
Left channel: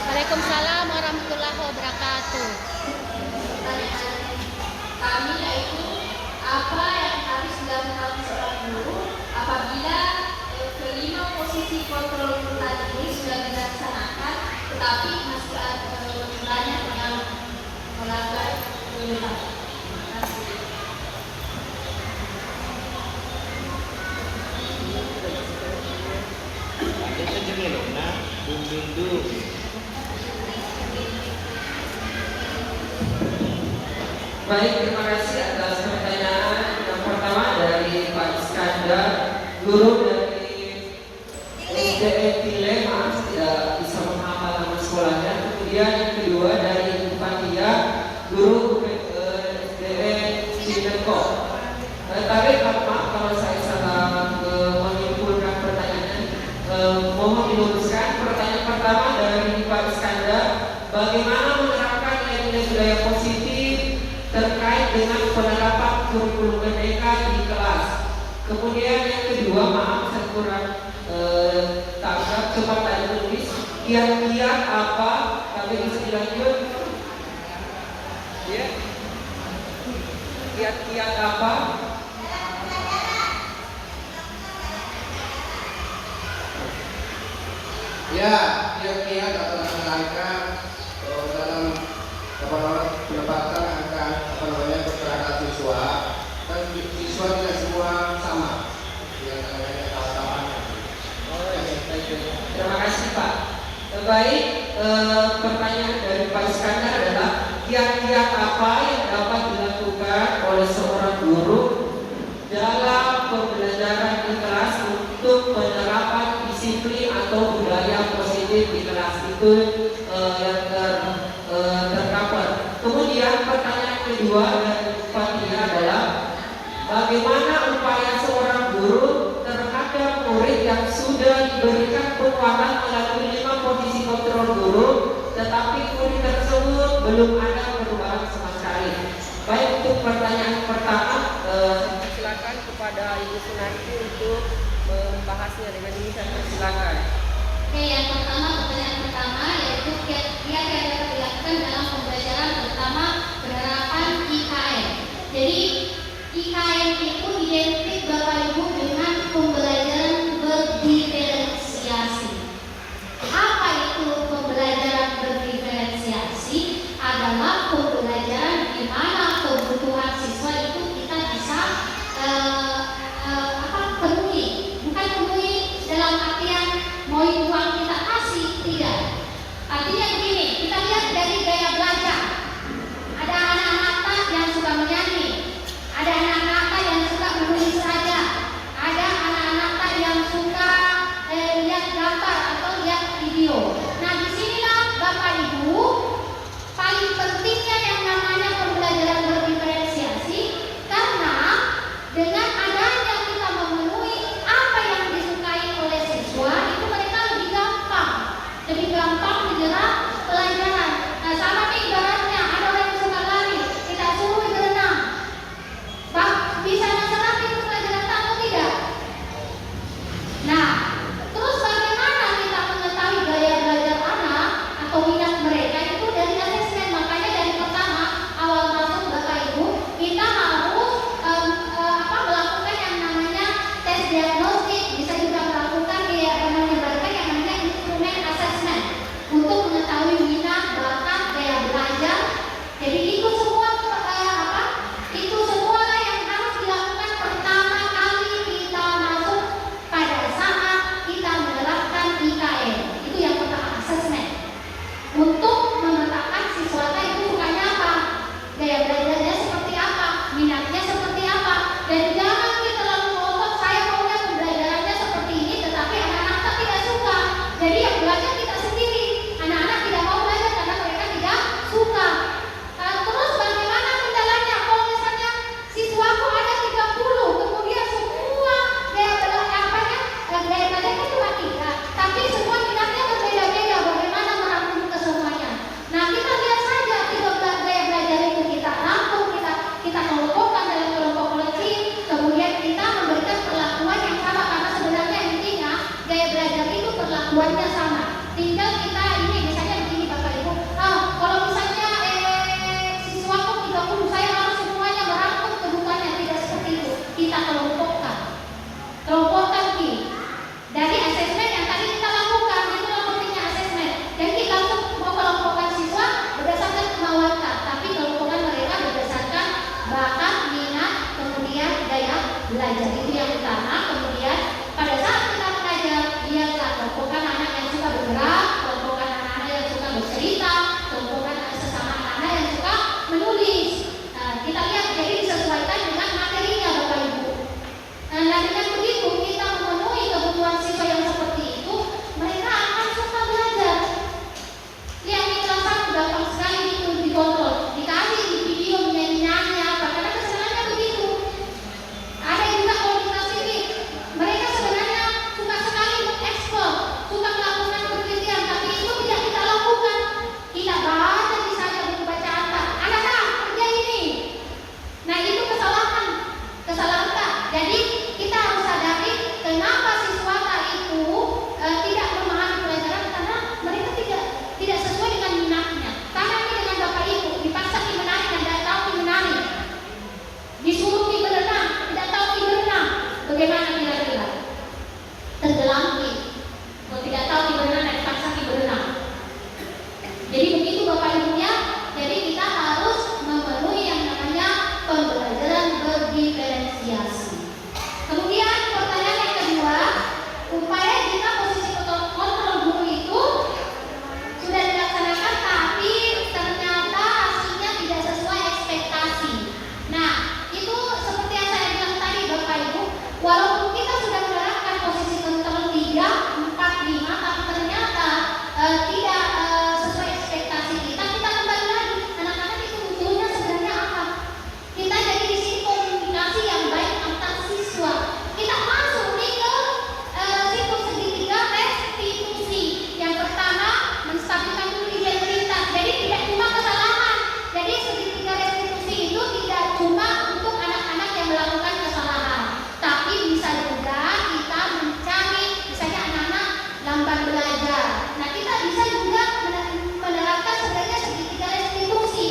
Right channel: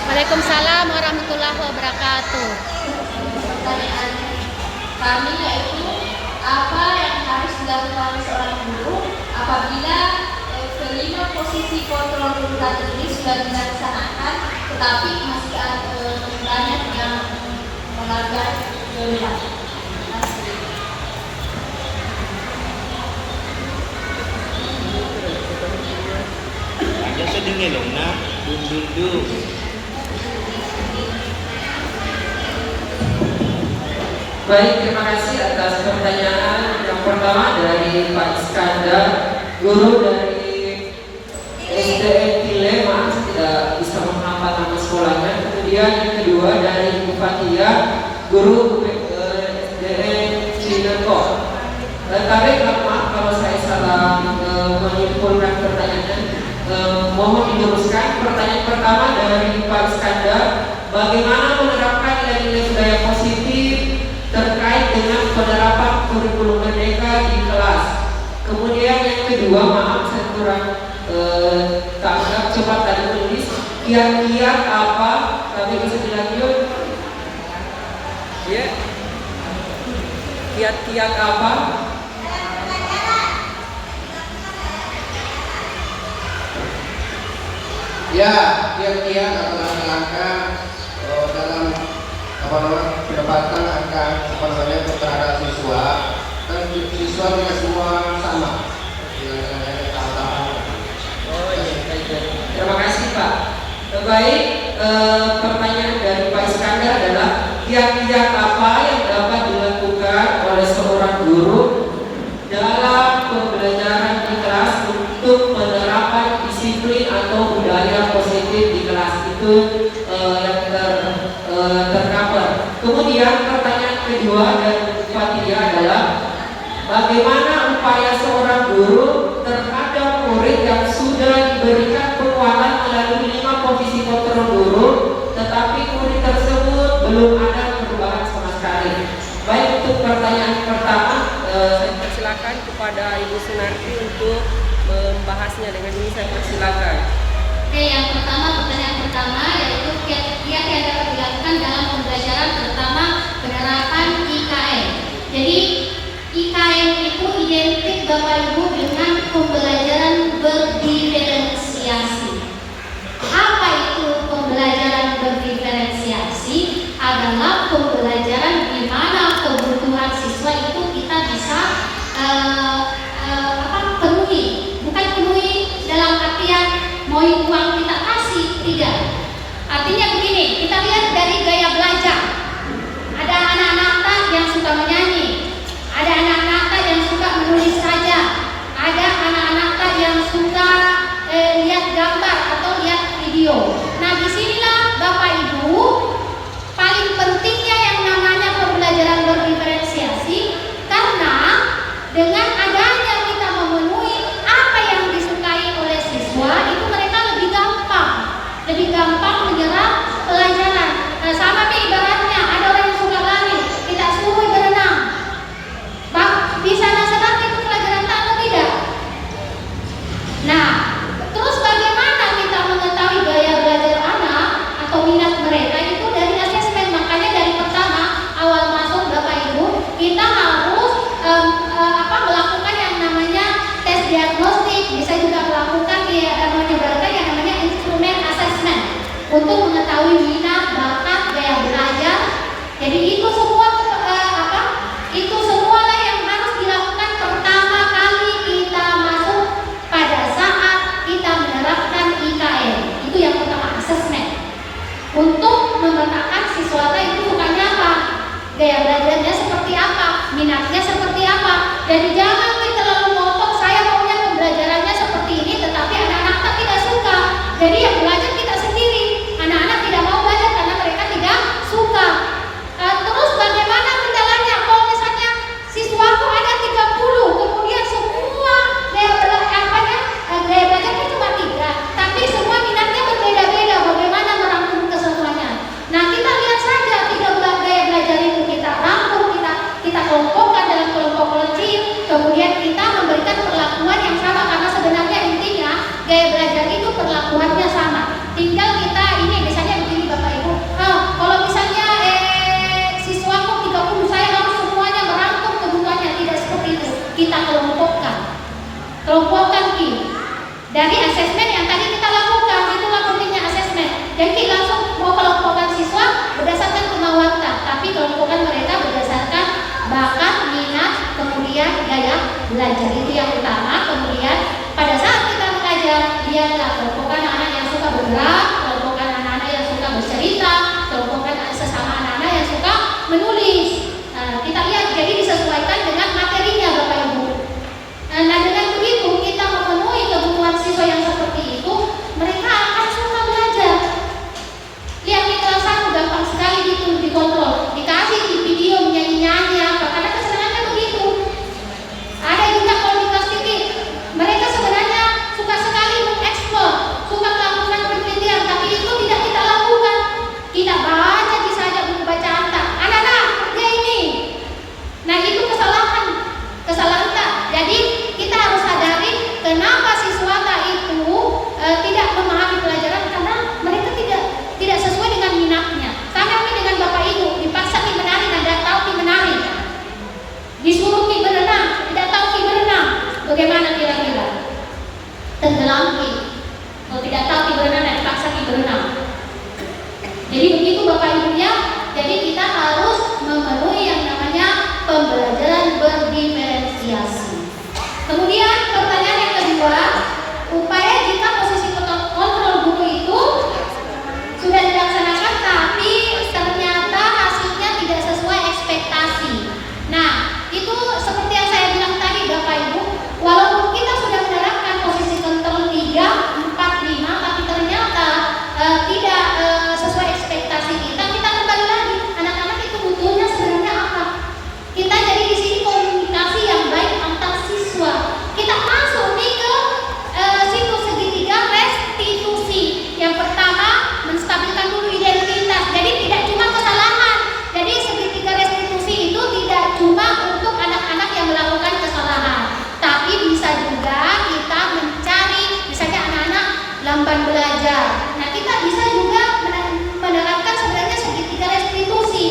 Waalaikumsalam warahmatullahi wabarakatuh. Pertanyaan kami yaitu apa yang harus dilakukan seorang guru apabila kelima posisi kontrol urutan ini sudah dilaksanakan tetapi masih ada banyak yang melanggar ketentuan. Terima kasih. Ada sedikit loh, nak. Dulu. Baik, terima kasih atas pertanyaan yang pertama dari Pak Iskandar, guru dari SDN Tilema, tidak bisa menghafal nama sekolahnya. Kemudian yang kedua dari Ibu Fatia, guru SDN Cilegon. Tapi maaf kalau saya salah menyimpulkan pertanyaan. Mohon diteruskan. Pertanyaan pertama dari Pak Iskandar, bagaimana menerapkan nilai-nilai budaya positif terkait dengan penerapan kurikulum merdeka di kelas. Kemudian yang kedua, maaf saya kurang tangkap, coba tadi tulis kiat-kiat apa, tapi bisa dilanjut ya, kiat-kiat apa ya, kiat-kiat atau langkah-langkah dalam pendapatan akan terhadap siswa, dan siswa tidak semua sama dengan tahapan. Terima kasih Pak. Baik, pertanyaan dari Pak Iskandar adalah kiat-kiat apa yang dapat dilakukan oleh seorang guru dalam pembelajaran di kelas untuk penerapan disiplin atau budaya positif di kelas itu yang tercover. Kemudian pertanyaan kedua dari Fatia adalah bagaimana upaya seorang guru terhadap murid yang sudah diberikan penguatan melalui 5 posisi kontrol guru, tetapi murid tersebut belum ada perubahan sama sekali. Baik, untuk pertanyaan pertama, saya persilakan kepada Ibu Sunarti untuk membahasnya. Dengan ini saya persilakan. Oke, yang pertama, pertanyaan pertama yaitu kiat-kiat yang dapat dilakukan dalam pembelajaran, terutama penerapan IKN. Jadi IKN itu identik Bapak Ibu dengan pembelajaran berdiferensiasi. Apa itu pembelajaran berdiferensiasi? Adalah pembelajaran di mana kebutuhan siswa itu kita bisa penuhi, bukan penuhi dalam artian mau uang kita kasih, tidak. Artinya begini, kita lihat dari gaya belajar. Ada anak-anak yang suka menyanyi, ada anak-anak yang suka menulis saja, ada anak-anak yang suka lihat gambar atau lihat video. Nah, disinilah Bapak Ibu paling pentingnya yang namanya pembelajaran berdiferensiasi, karena dengan adanya kita memenuhi apa yang disukai oleh siswa, itu mereka lebih gampang menyerap pelajaran. Nah, sama nih ibaratnya ada orang yang suka lari, kita suruh berenang. Bang, bisa nasehat itu pelajaran atau tidak? Nah, terus bagaimana kita mengetahui gaya belajar anak atau minat mereka itu dari asesmen. Makanya dari pertama awal masuk Bapak Ibu, kita harus melakukan yang namanya tes diagnostik, bisa juga melakukan menyebarkan yang namanya instrumen asesmen untuk mengetahui minat, bakat, gaya belajar. Jadi itu semua itu semualah yang harus dilakukan pertama kali kita masuk pada saat kita menerapkan IKN. Itu yang pertama, asesmen. Untuk memetakan siswa itu bukannya apa, gaya belajarnya seperti apa, minatnya seperti apa. Dan jangan terlalu ngotot, saya maunya pembelajarannya seperti ini, tetapi anak-anak tidak suka. Jadi yang belajar kita sendiri, anak-anak tidak mau belajar karena mereka tidak suka. Terus bagaimana kendalanya? Kalau misalnya siswaku ada 30, kemudian semua gaya belajarnya cuma 3, tapi semua minatnya berbeda-beda. Bagaimana merangkum kesemuanya? Nah, kita lihat saja 3 gaya belajar itu kita rangkum, kita kelompokkan dalam kelompok kecil, kemudian kita memberikan perlakuan yang sama, karena sebenarnya intinya gaya belajar dibagi ada kelompok anak-anak yang suka bergerak, kelompok anak-anak yang suka bercerita, kelompok sesama anak-anak yang suka menulis. Nah, kita lihat jadi disesuaikan dengan materinya Bapak Ibu. Nah, dengan begitu kita memenuhi kebutuhan siswa yang seperti itu, mereka akan suka belajar. Lihat di kelas 1 gampang sekali dikontrol, dikasih di video nyanyi-nyanyi apa, karena kesenangannya begitu. Ada juga kalau dikasih tip, mereka sebenarnya suka sekali mengeksplor, suka melakukan penelitian, tapi itu tidak kita lakukan. Kita baca bisa aja buku bacaan tak, anak-anak ya ini. Nah itu kesalahan. Jadi kita harus sadari kenapa siswa itu tidak memahami pelajaran, karena mereka tidak sesuai dengan minatnya. Sama ini dengan Bapak Ibu, dipaksa nih menari, tidak tahu nih menari, disuruh nih berenang, tidak tahu nih berenang, bagaimana kira-kira? Tenggelam nih, kalau tidak tahu nih berenang, dipaksa nih berenang. Jadi begitu Bapak Ibu ya. Jadi kita harus memenuhi yang namanya pembelajaran berdiferensiasi. Kemudian pertanyaan yang kedua, upaya jika posisi kontrol guru itu sudah dilaksanakan tapi ternyata hasilnya tidak sesuai ekspektasi. Nah, itu seperti yang saya bilang tadi Bapak Ibu, walaupun kita sudah menerapkan posisi kontrol 3, 4, 5, tapi ternyata tidak sesuai ekspektasi kita kembali lagi. Anak-anak itu butuhnya sebenarnya apa? Kita jadi di sini komunikasi yang baik antar siswa. Kita masuk nih ke siklus segitiga restitusi. Yang pertama, menstabilkan dulu identitas. Jadi tidak cuma kesalahan. Jadi segitiga restitusi itu tidak cuma untuk anak-anak yang melakukan kesalahan, tapi bisa juga kita mencari misalnya anak-anak lamban belajar. Nah, kita bisa juga menerapkan sebenarnya segitiga restitusi,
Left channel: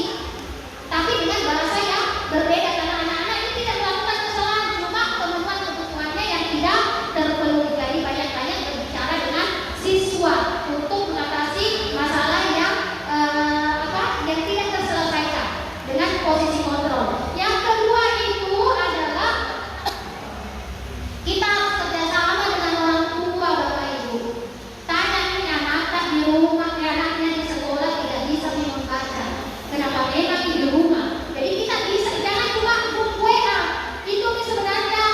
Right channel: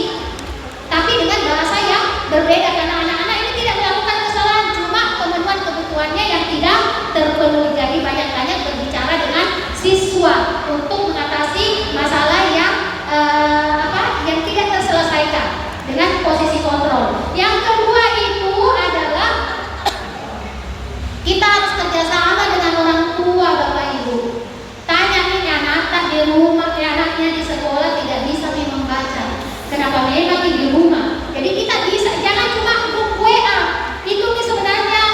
tapi dengan bahasa yang berbeda, karena anak-anak ini tidak melakukan kesalahan, cuma pemenuhan kebutuhannya yang tidak terpenuhi. Jadi banyak-banyak berbicara dengan siswa untuk mengatasi masalah yang yang tidak terselesaikan dengan posisi kontrol. Yang kedua itu adalah kita harus kerjasama dengan orang tua Bapak Ibu. Tanya nih anak di rumah, anaknya di sekolah tidak bisa membaca. Kenapa memang di rumah? Jadi kita bisa, jangan cuma grup WA. Itu nih sebenarnya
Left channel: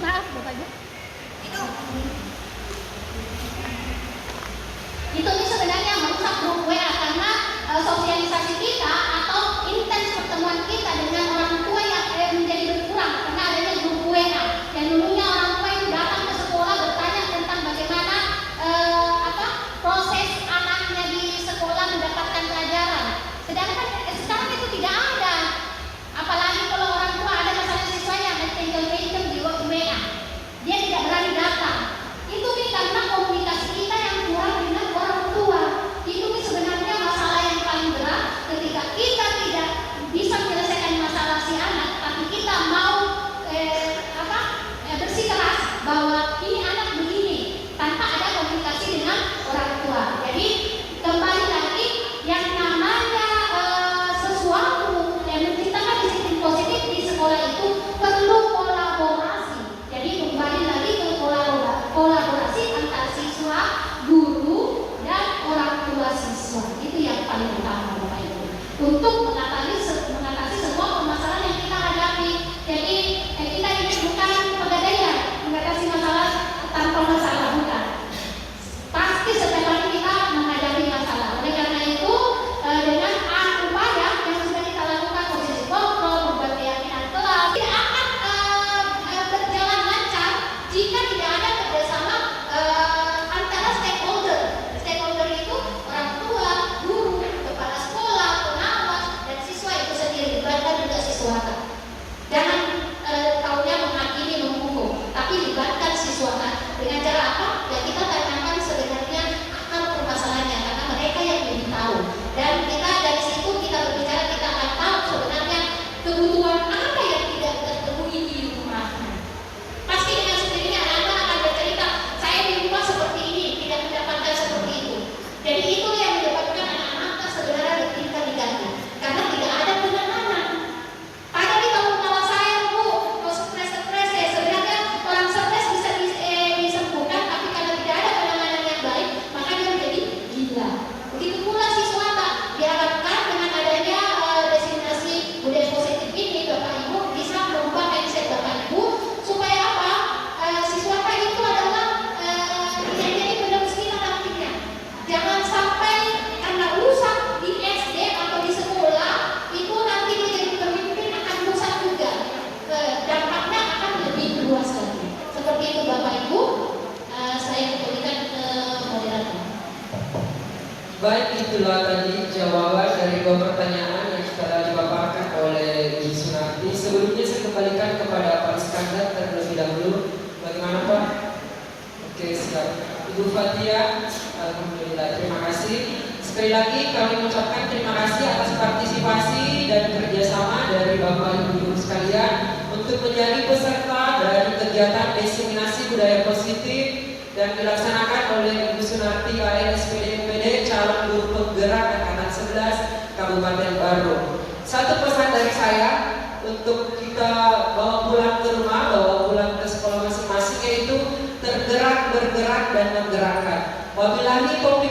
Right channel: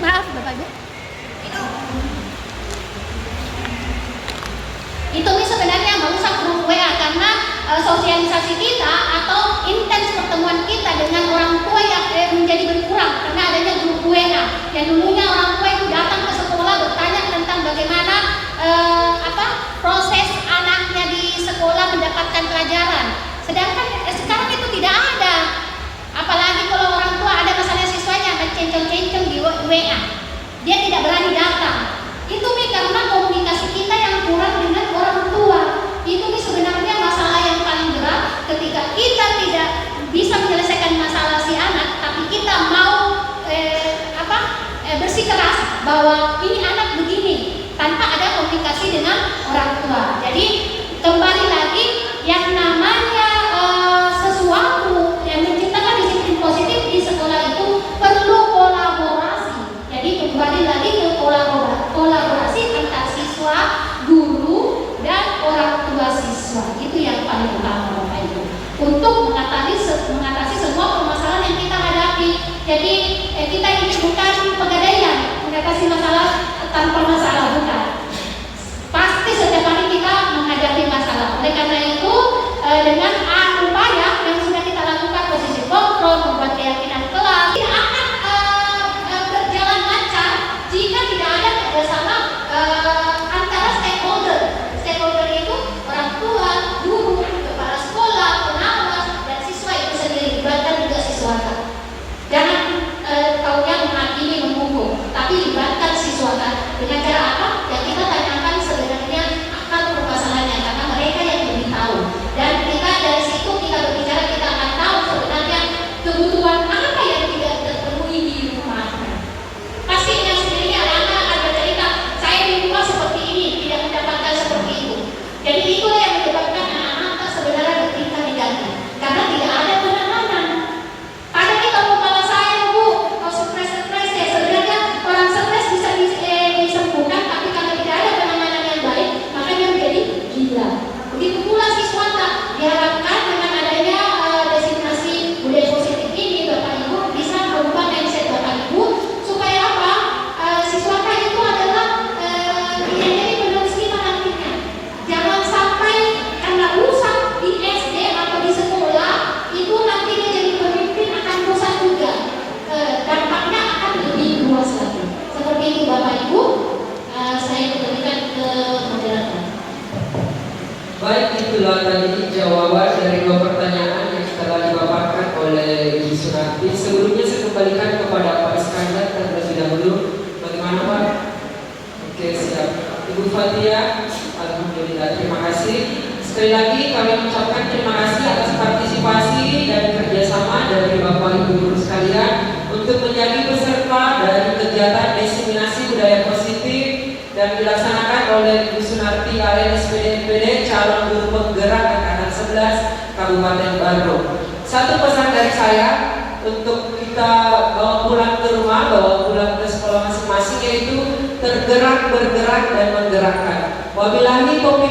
maaf Bapak Ibu. Itu nih sebenarnya merusak grup WA, karena sosialisasi kita atau intens pertemuan kita dengan orang tua yang menjadi berkurang karena adanya grup WA. Yang dulunya orang tua itu datang ke sekolah bertanya tentang bagaimana proses anaknya di sekolah mendapatkan pelajaran. Sedangkan sekarang itu tidak ada. Apalagi kalau orang tua ada masalah siswanya kenceng-kenceng di WA, dia tidak berani datang. Itu nih karena komunikasi kita yang kurang dengan orang tua. Itu nih sebenarnya masalah yang paling berat ketika kita tidak bisa menyelesaikan masalah si anak, tapi kita mau bersikeras itulah tadi jawaban dari 2 pertanyaan yang telah dipaparkan oleh Ibu Sunarti. Sebelumnya saya kembalikan kepada Pak Iskandar terlebih dahulu. Bagaimana Pak? Oke, siap. Ibu Fatia, alhamdulillah, terima kasih. Sekali lagi kami mengucapkan terima kasih atas partisipasi dan kerjasama dari Bapak Ibu guru sekalian untuk menjadi peserta dari kegiatan diseminasi budaya positif dan dilaksanakan oleh Ibu Sunarti KN SPD MPD calon guru penggerak angkatan 11 Kabupaten Baru. Satu pesan dari saya untuk kita bawa pulang ke rumah, bawa pulang ke sekolah masing-masing, yaitu tergerak, bergerak dan menggerakkan. Wabillahi taufiq